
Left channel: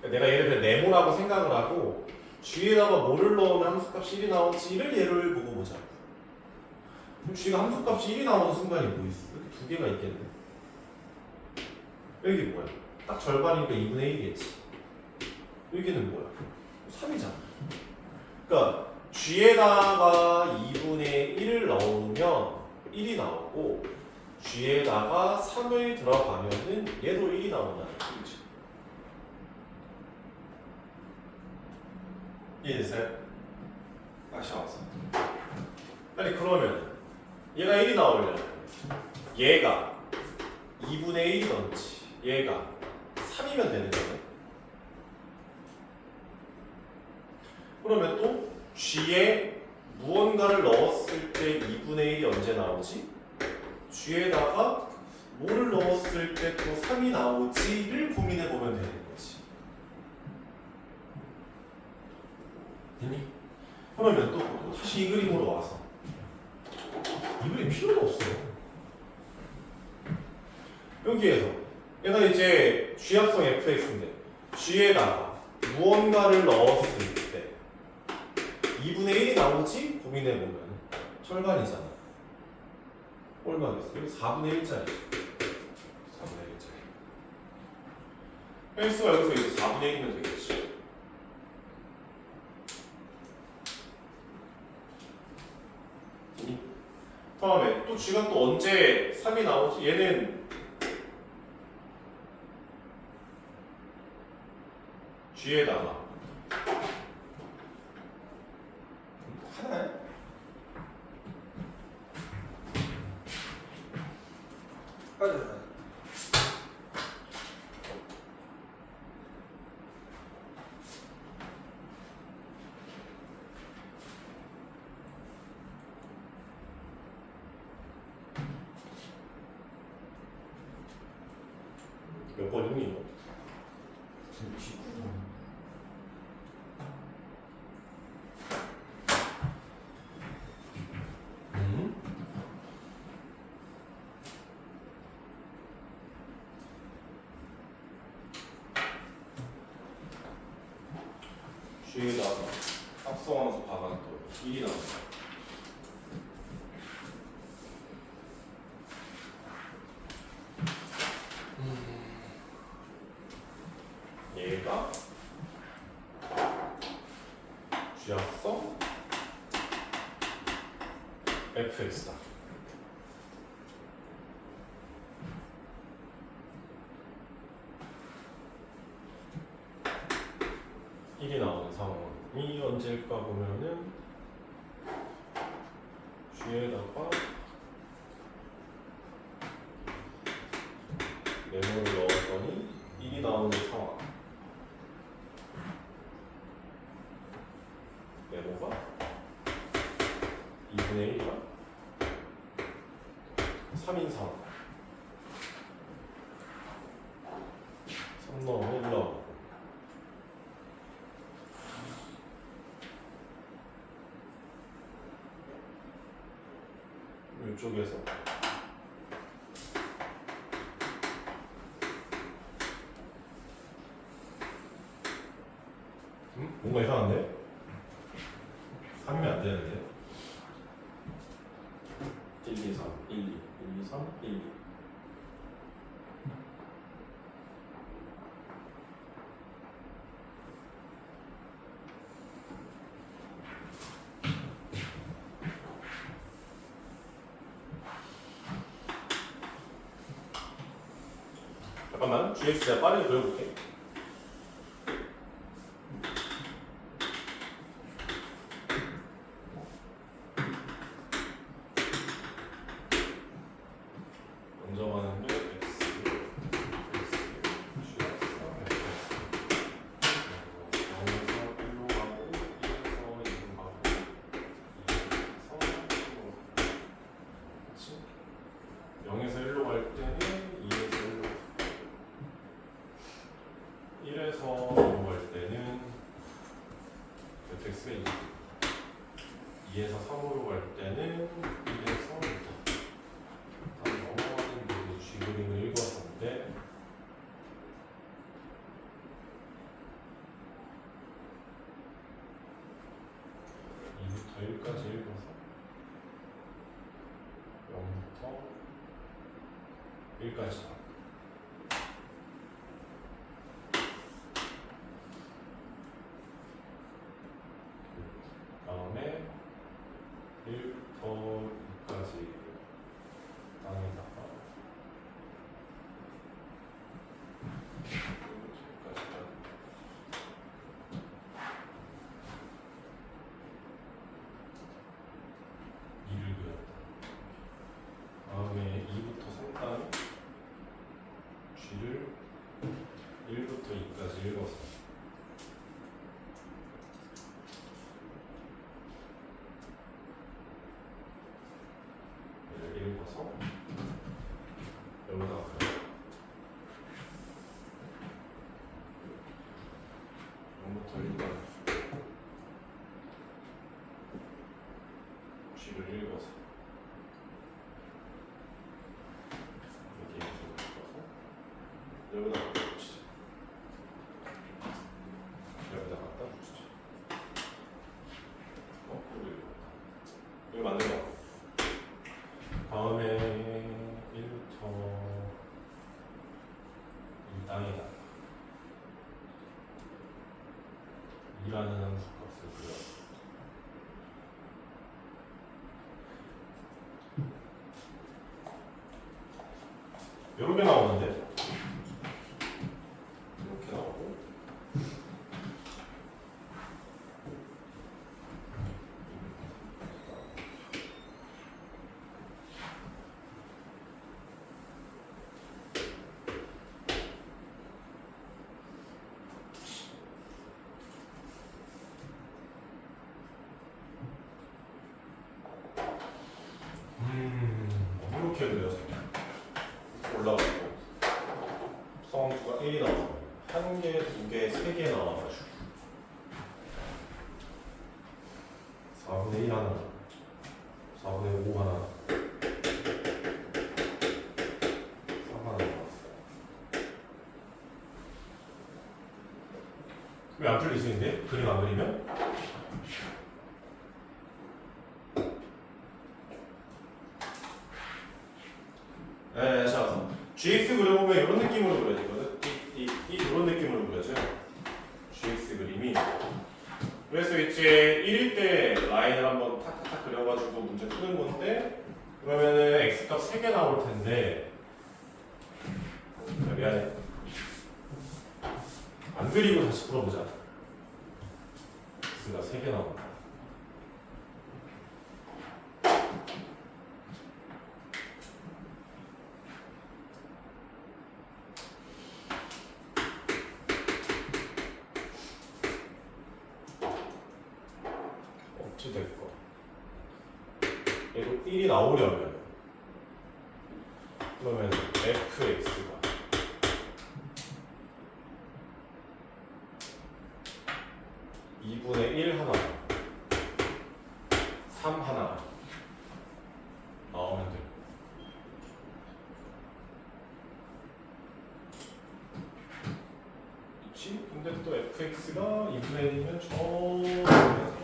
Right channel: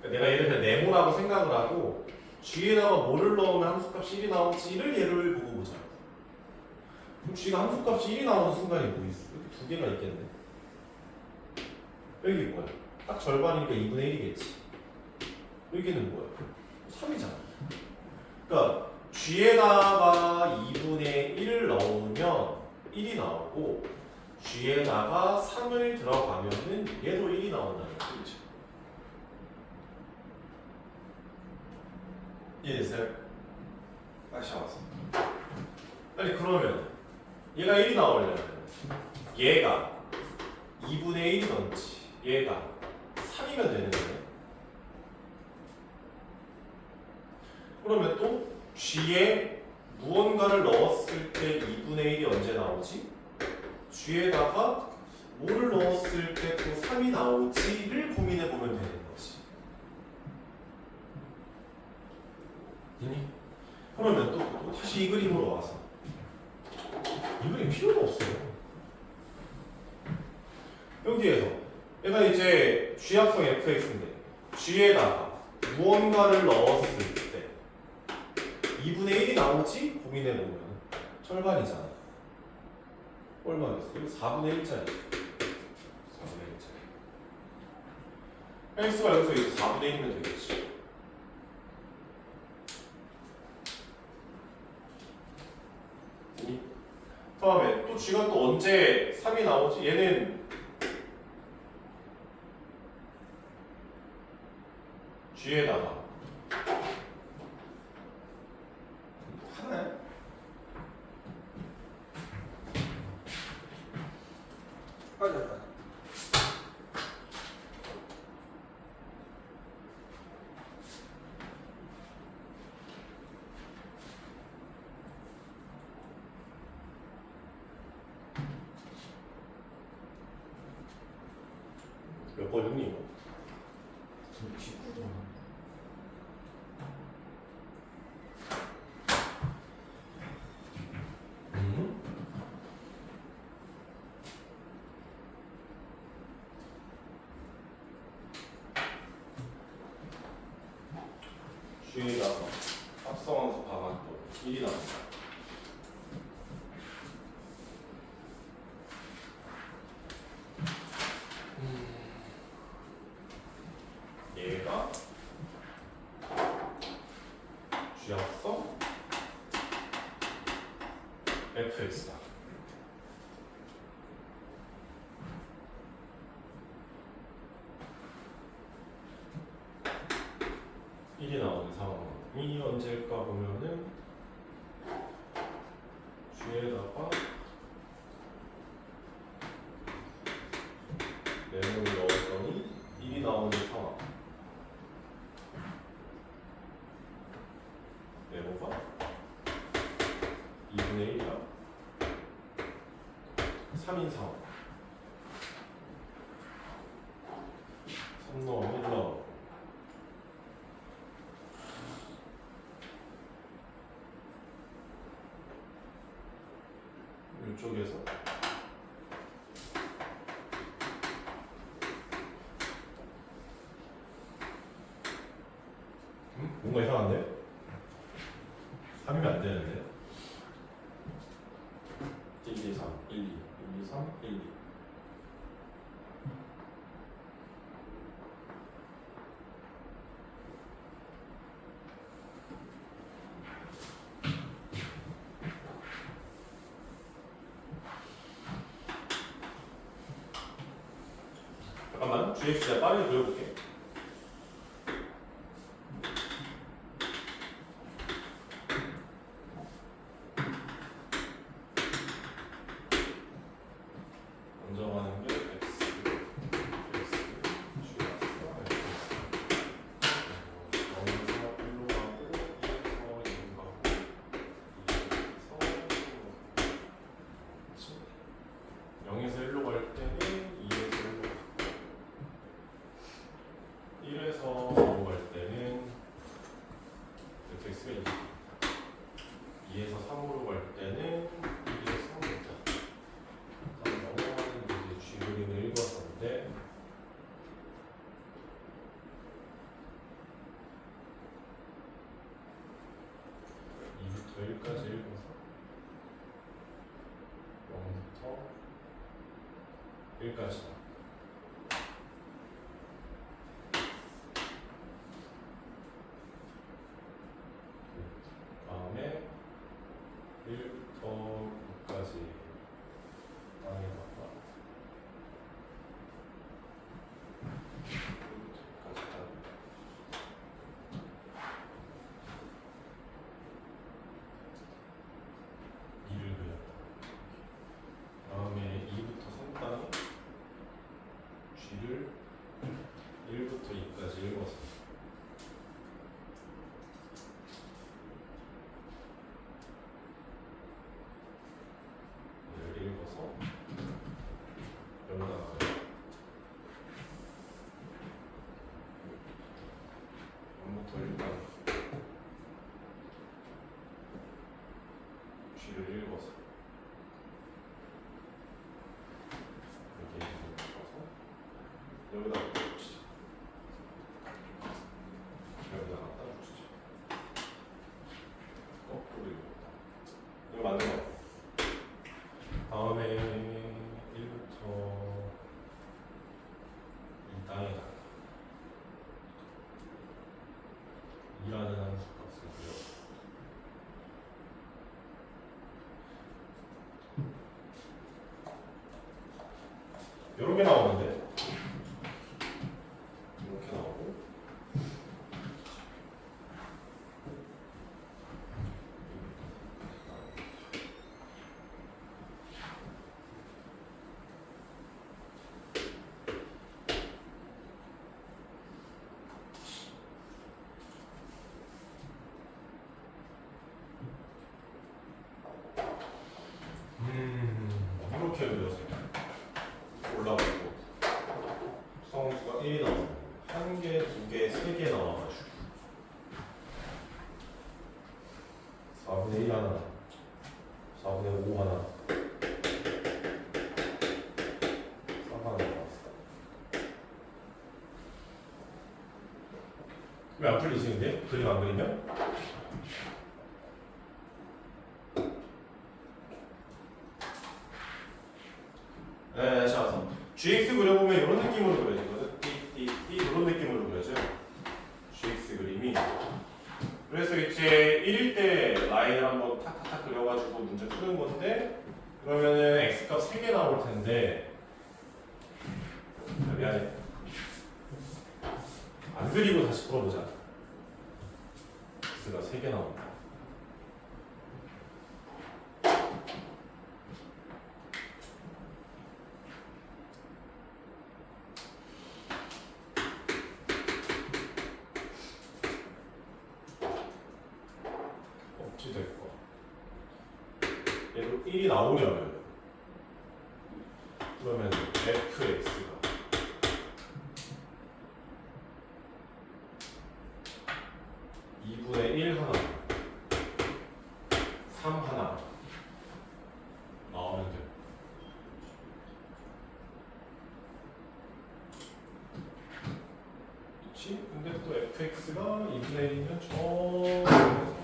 그러니까 내가 예를 들어 네모라고 생각을 하고 G에다가 뭐를 넣으면 함수값이 1이 나올지를 예를 보고 보자. 그럼 G가 함수값이 1이 나오는 순간이 뭐 있어? 여기 두 개가 있겠네. 여기 뭐야? 딱 절반이니까 2분의 1이겠지. 여기는 뭐야? 3이잖아. 그러니까 G에다가 2분의 1을 넣으면 1이 나오고 G에다가 3을 들어가면은 얘도 1이 나온다는 얘기죠. 이해됐어요? 다시 와서. 아니 그러면 얘가 1이 나오려면 얘가 2분의 1이던지 얘가 3이면 되는 거예요. 그러면 또 G에 무언가를 넣었을 때 2분의 1이 언제 나오지? G에다가 뭐를 넣었을 때 또 3이 나오지를 고민해 보면 되는 거지. 됐니? 그러면 또 다시 이 그림으로 와서 이 그림 필요가 없어요. 여기에서 얘가 이제 G합성 fx인데 G에다가 무언가를 넣었을 때 2분의 1이 나오지? 고민해보면 절반이잖아. 얼마겠어? 이거 4분의 1짜리. 4분의 1짜리. x가 여기서 이제 4분의 1이면 되겠지. 다음에 또 G가 또 언제 3이 나오지? 얘는 G에다가 하나야? 빠져라. 몇 번이니 이거? G에다가 합성함수 박았더니 1이 나온다. 얘가 G합성 fx다. 일이 나오는 상황이 언제일까 보면은 G에다가 네모를 넣었더니 1이 나오는 상황. 네모가 2분의 1이랑 3인 상황. 3 넣으면 1 나오고. 이쪽에서 뭔가 이상한데? 3이면 안 되는데? 1, 2, 3, 1, 2, 1, 2, 3, 1, 2. 잠깐만, GX 내가 빠르게 그려볼게. 먼저 가는 게 X, X, G, X, 0에서 1로 가고 2에서 2로 가고 2에서 0에서 1로 갈 때는 2에서 1로 1에서 2로 갈 때는 x가 2, 2에서 3으로 갈 때는 2에서 3부터 넘어가는 G 그림을 읽었는데 이부터 1까지 읽어서 0부터 1까지 다음에 1부터 2까지 땅에다가 2를 그렸다. 다음에 2부터 3 땅에 G를 읽어서 이렇게 읽어서 여기다 갖다 붙이자. 여기다 갖다 붙이자. 거꾸로 읽었다. 이거 맞는 거 같아. 다음에 1부터 이 땅이다. 2라는 함수 값을 구해. 요렇게 나오는데 이렇게 나오고 이렇게 그려서 올라가고 수가 1이 나와요. 1개, 2개, 3개 나와가지고 4분의 1 하나, 4분의 5 하나, 3 하나 나왔어. 왜 안 풀리시는데? 그림 안 그리면? 네, 자, GX 그려보면 이런 느낌으로 그려지거든. 이런 느낌으로 그려져요. GX 그림이. 그래서 이제 1일 때 라인을 한번 탁탁탁 그려가지고 문제 푸는 건데, 그러면은 X값 3개 나올 텐데, 미안해. 안 그리고 다시 풀어보자. X가 3개 나온다. 어찌 될까? 얘도 1이 나오려면 그러면 fx가 2분의 1 하나 3 하나 나오면 돼요. 그치? 근데 또 fx가 2분의 1이면 저쪽에서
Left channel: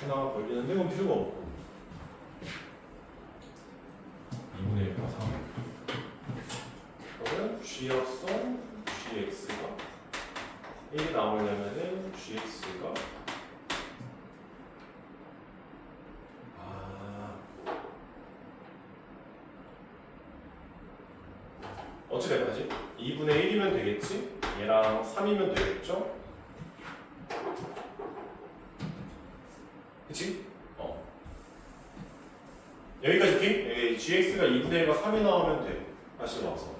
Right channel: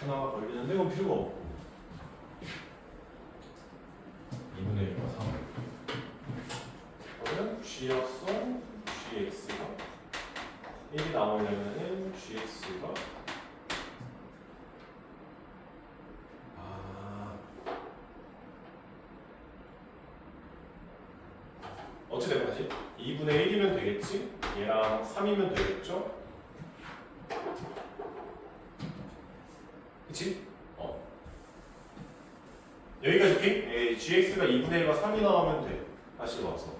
하나 걸리는데 이건 필요가 없고 2분의 1과 3 그러면 g역선 gx가 1이 나오려면은 gx가 어찌 될 거지? 2분의 1이면 되겠지? 얘랑 3이면 되겠죠? 그치? 여기까지 핑? gx가 2분의 1과 3이 나오면 돼. 다시 넣어서.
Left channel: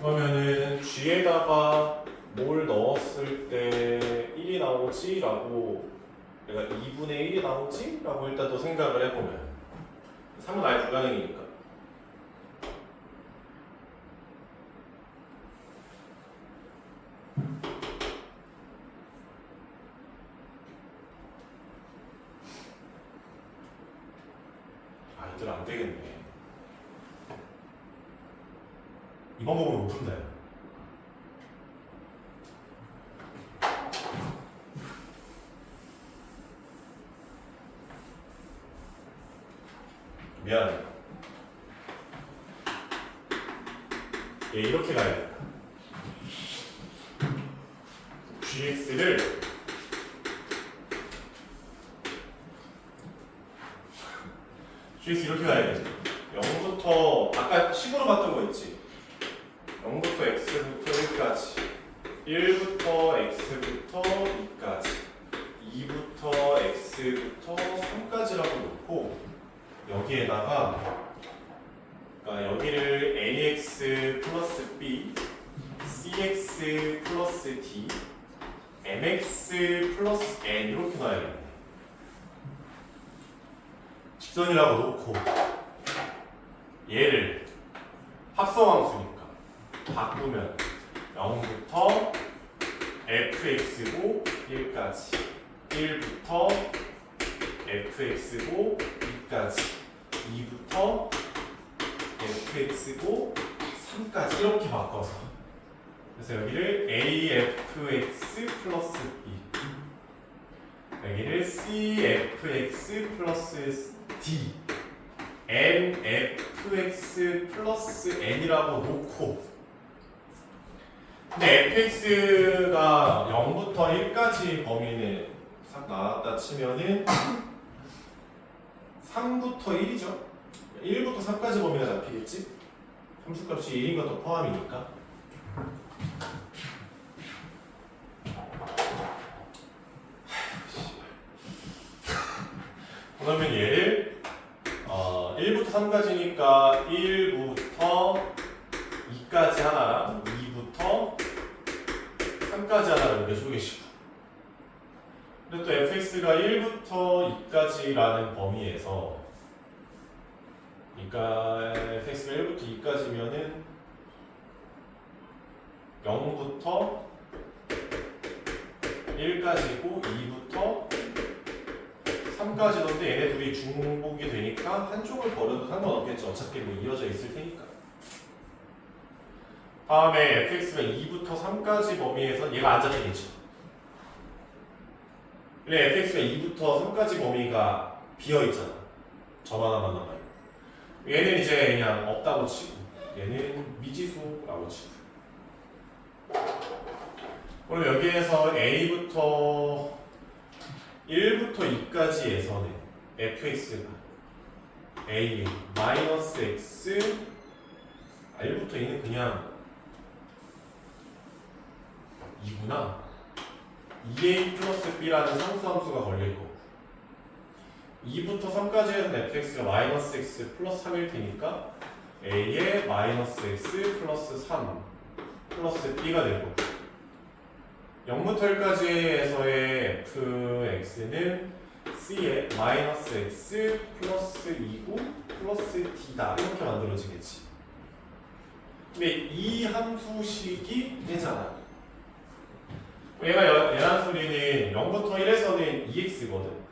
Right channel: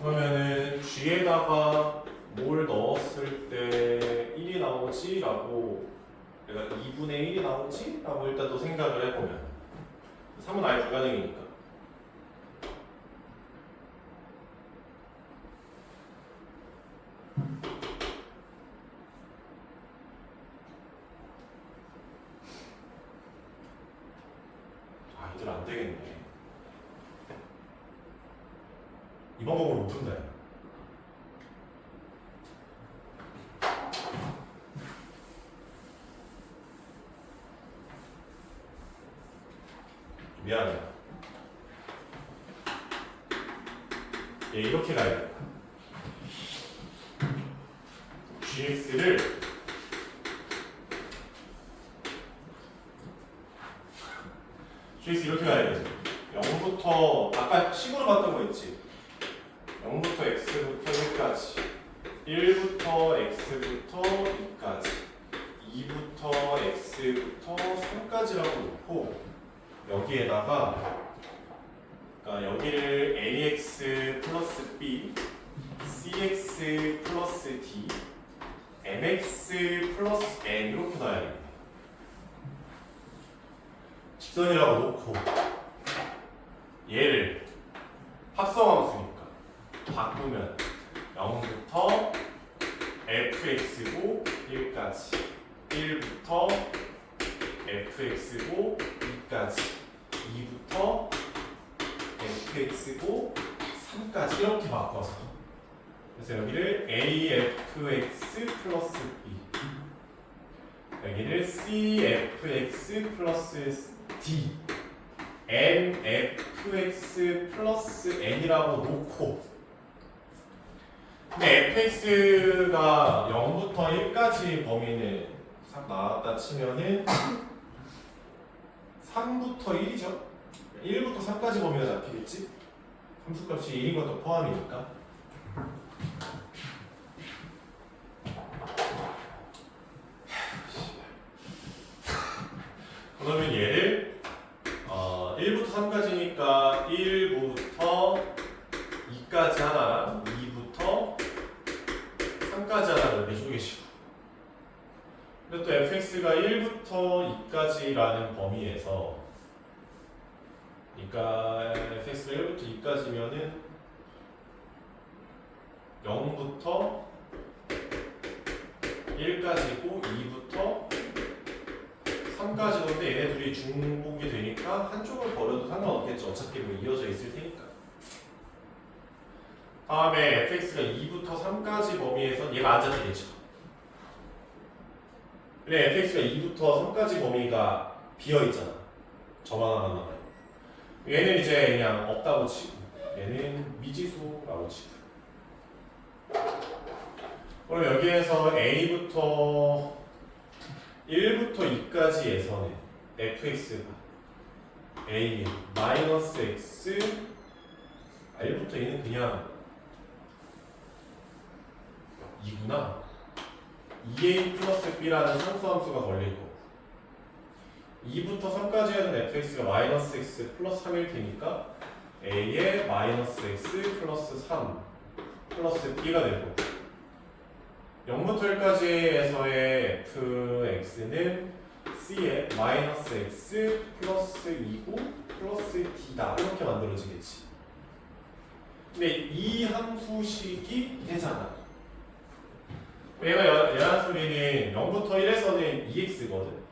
그러면은 g에다가 뭘 넣었을 때 1이 나오지? 라고 내가 2분의 1이 나오지? 라고 일단 또 생각을 해보면 3은 아예 불가능이니까 이들 안 되겠네. 이 방법으로 못 푼다. 미안해. 얘 이렇게 가야 돼. gx를 gx 이렇게 가야 돼. 0부터 아까 식으로 봤던 거 있지? 0부터 x부터 1까지 1부터 x부터 2까지 2부터 x부터 3까지라고 놓고 여기에다가 그러니까 여기를 ax 플러스 b cx 플러스 d mx 플러스 n 이렇게 놔야겠네. 직선이라고 놓고 얘를 합성함수니까 바꾸면 0부터 fx고 1까지 1부터 fx고 2까지 2부터 fx고 3까지 이렇게 바꿔서 그래서 여기를 afx 플러스 b 여기를 cfx 플러스 d nfx 플러스 n이라고 놓고 근데 fx가 0부터 1까지 범위를 싹 나왔다 치면은 3부터 1이죠 1부터 3까지 범위가 잡히겠지? 함수값이 1인 것도 포함이니까 그러면 얘를 1부터 3까지니까 1부터 2까지 하나랑 2부터 3까지 하나를 내주고 계시고 근데 또 fx가 1부터 2까지라는 범위에서 그러니까 fx가 1부터 2까지면은 0부터 1까지고 2부터 3까지인데 얘네 둘이 중복이 되니까 한쪽을 버려도 상관없겠죠. 어차피 뭐 이어져 있을 테니까. 다음에 fx가 2부터 3까지 범위에서 얘가 안 잡히겠죠. 근데 fx가 2부터 3까지 범위가 비어있잖아. 저만 하나만 남아요. 얘는 이제 그냥 없다고 치고 얘는 미지수라고 치고 그럼 여기에서 a부터 1부터 2까지에서는 fx가 a 마이너스 x 1부터 2는 그냥 2구나 2a 플러스 b라는 상수함수가 걸릴 거고 2부터 3까지에는 fx가 마이너스 x 플러스 3일 테니까 a의 마이너스 x 플러스 3 플러스 b가 될 거고 0부터 1까지에서의 fx는 c의 마이너스 x 플러스 2고 플러스 d다 이렇게 만들어지겠지 근데 이 함수식이 되잖아 얘란 소리는 0부터 1에서는 2x거든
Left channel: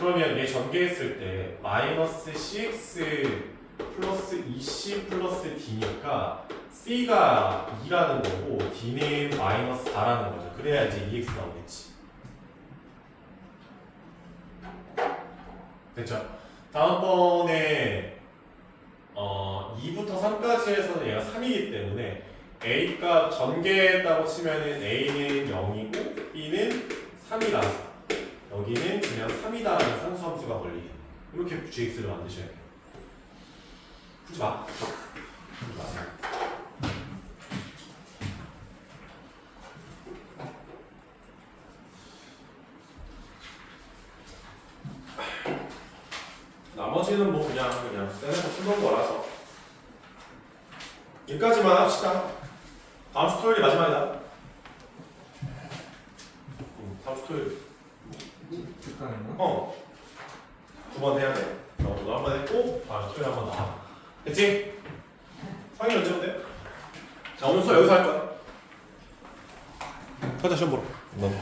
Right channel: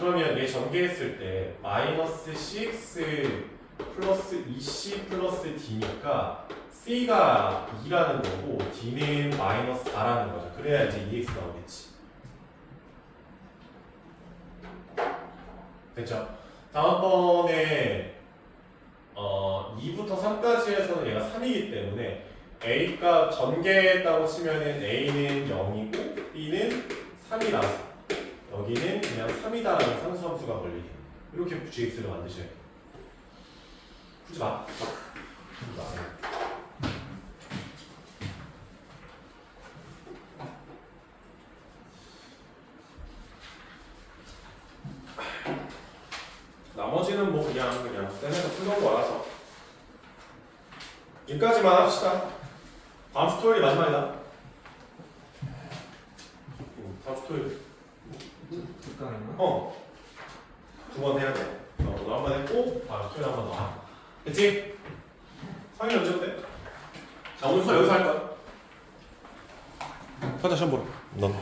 그러면 얘 전개했을 때 마이너스 cx 플러스 2c 플러스 d니까 c가 2라는 거고 d는 마이너스 4라는 거죠. 그래야 이제 2x 나오겠지. 됐죠? 다음번에 2부터 3까지에서는 얘가 3이기 때문에 a가 전개했다고 치면은 a는 0이고 b는 3이라서 여기는 그냥 3이다라는 상수함수가 걸리게 이렇게 gx를 만드셔야 돼요. 풀지 마. 풀지 마세요. 나머지는 뭐 그냥 쌤에서 풀던 거라서 여기까지만 합시다. 다음 주 토요일이 마지막이다. 다음 주 토요일. 듣가는요? 두 번 해야 돼. 오늘 한 번 했고 다음 토요일 한 번 더. 됐지? 상일 언제인데? 자 오늘 수업 여기서 할 거야. 가자 시험 보러. 넌.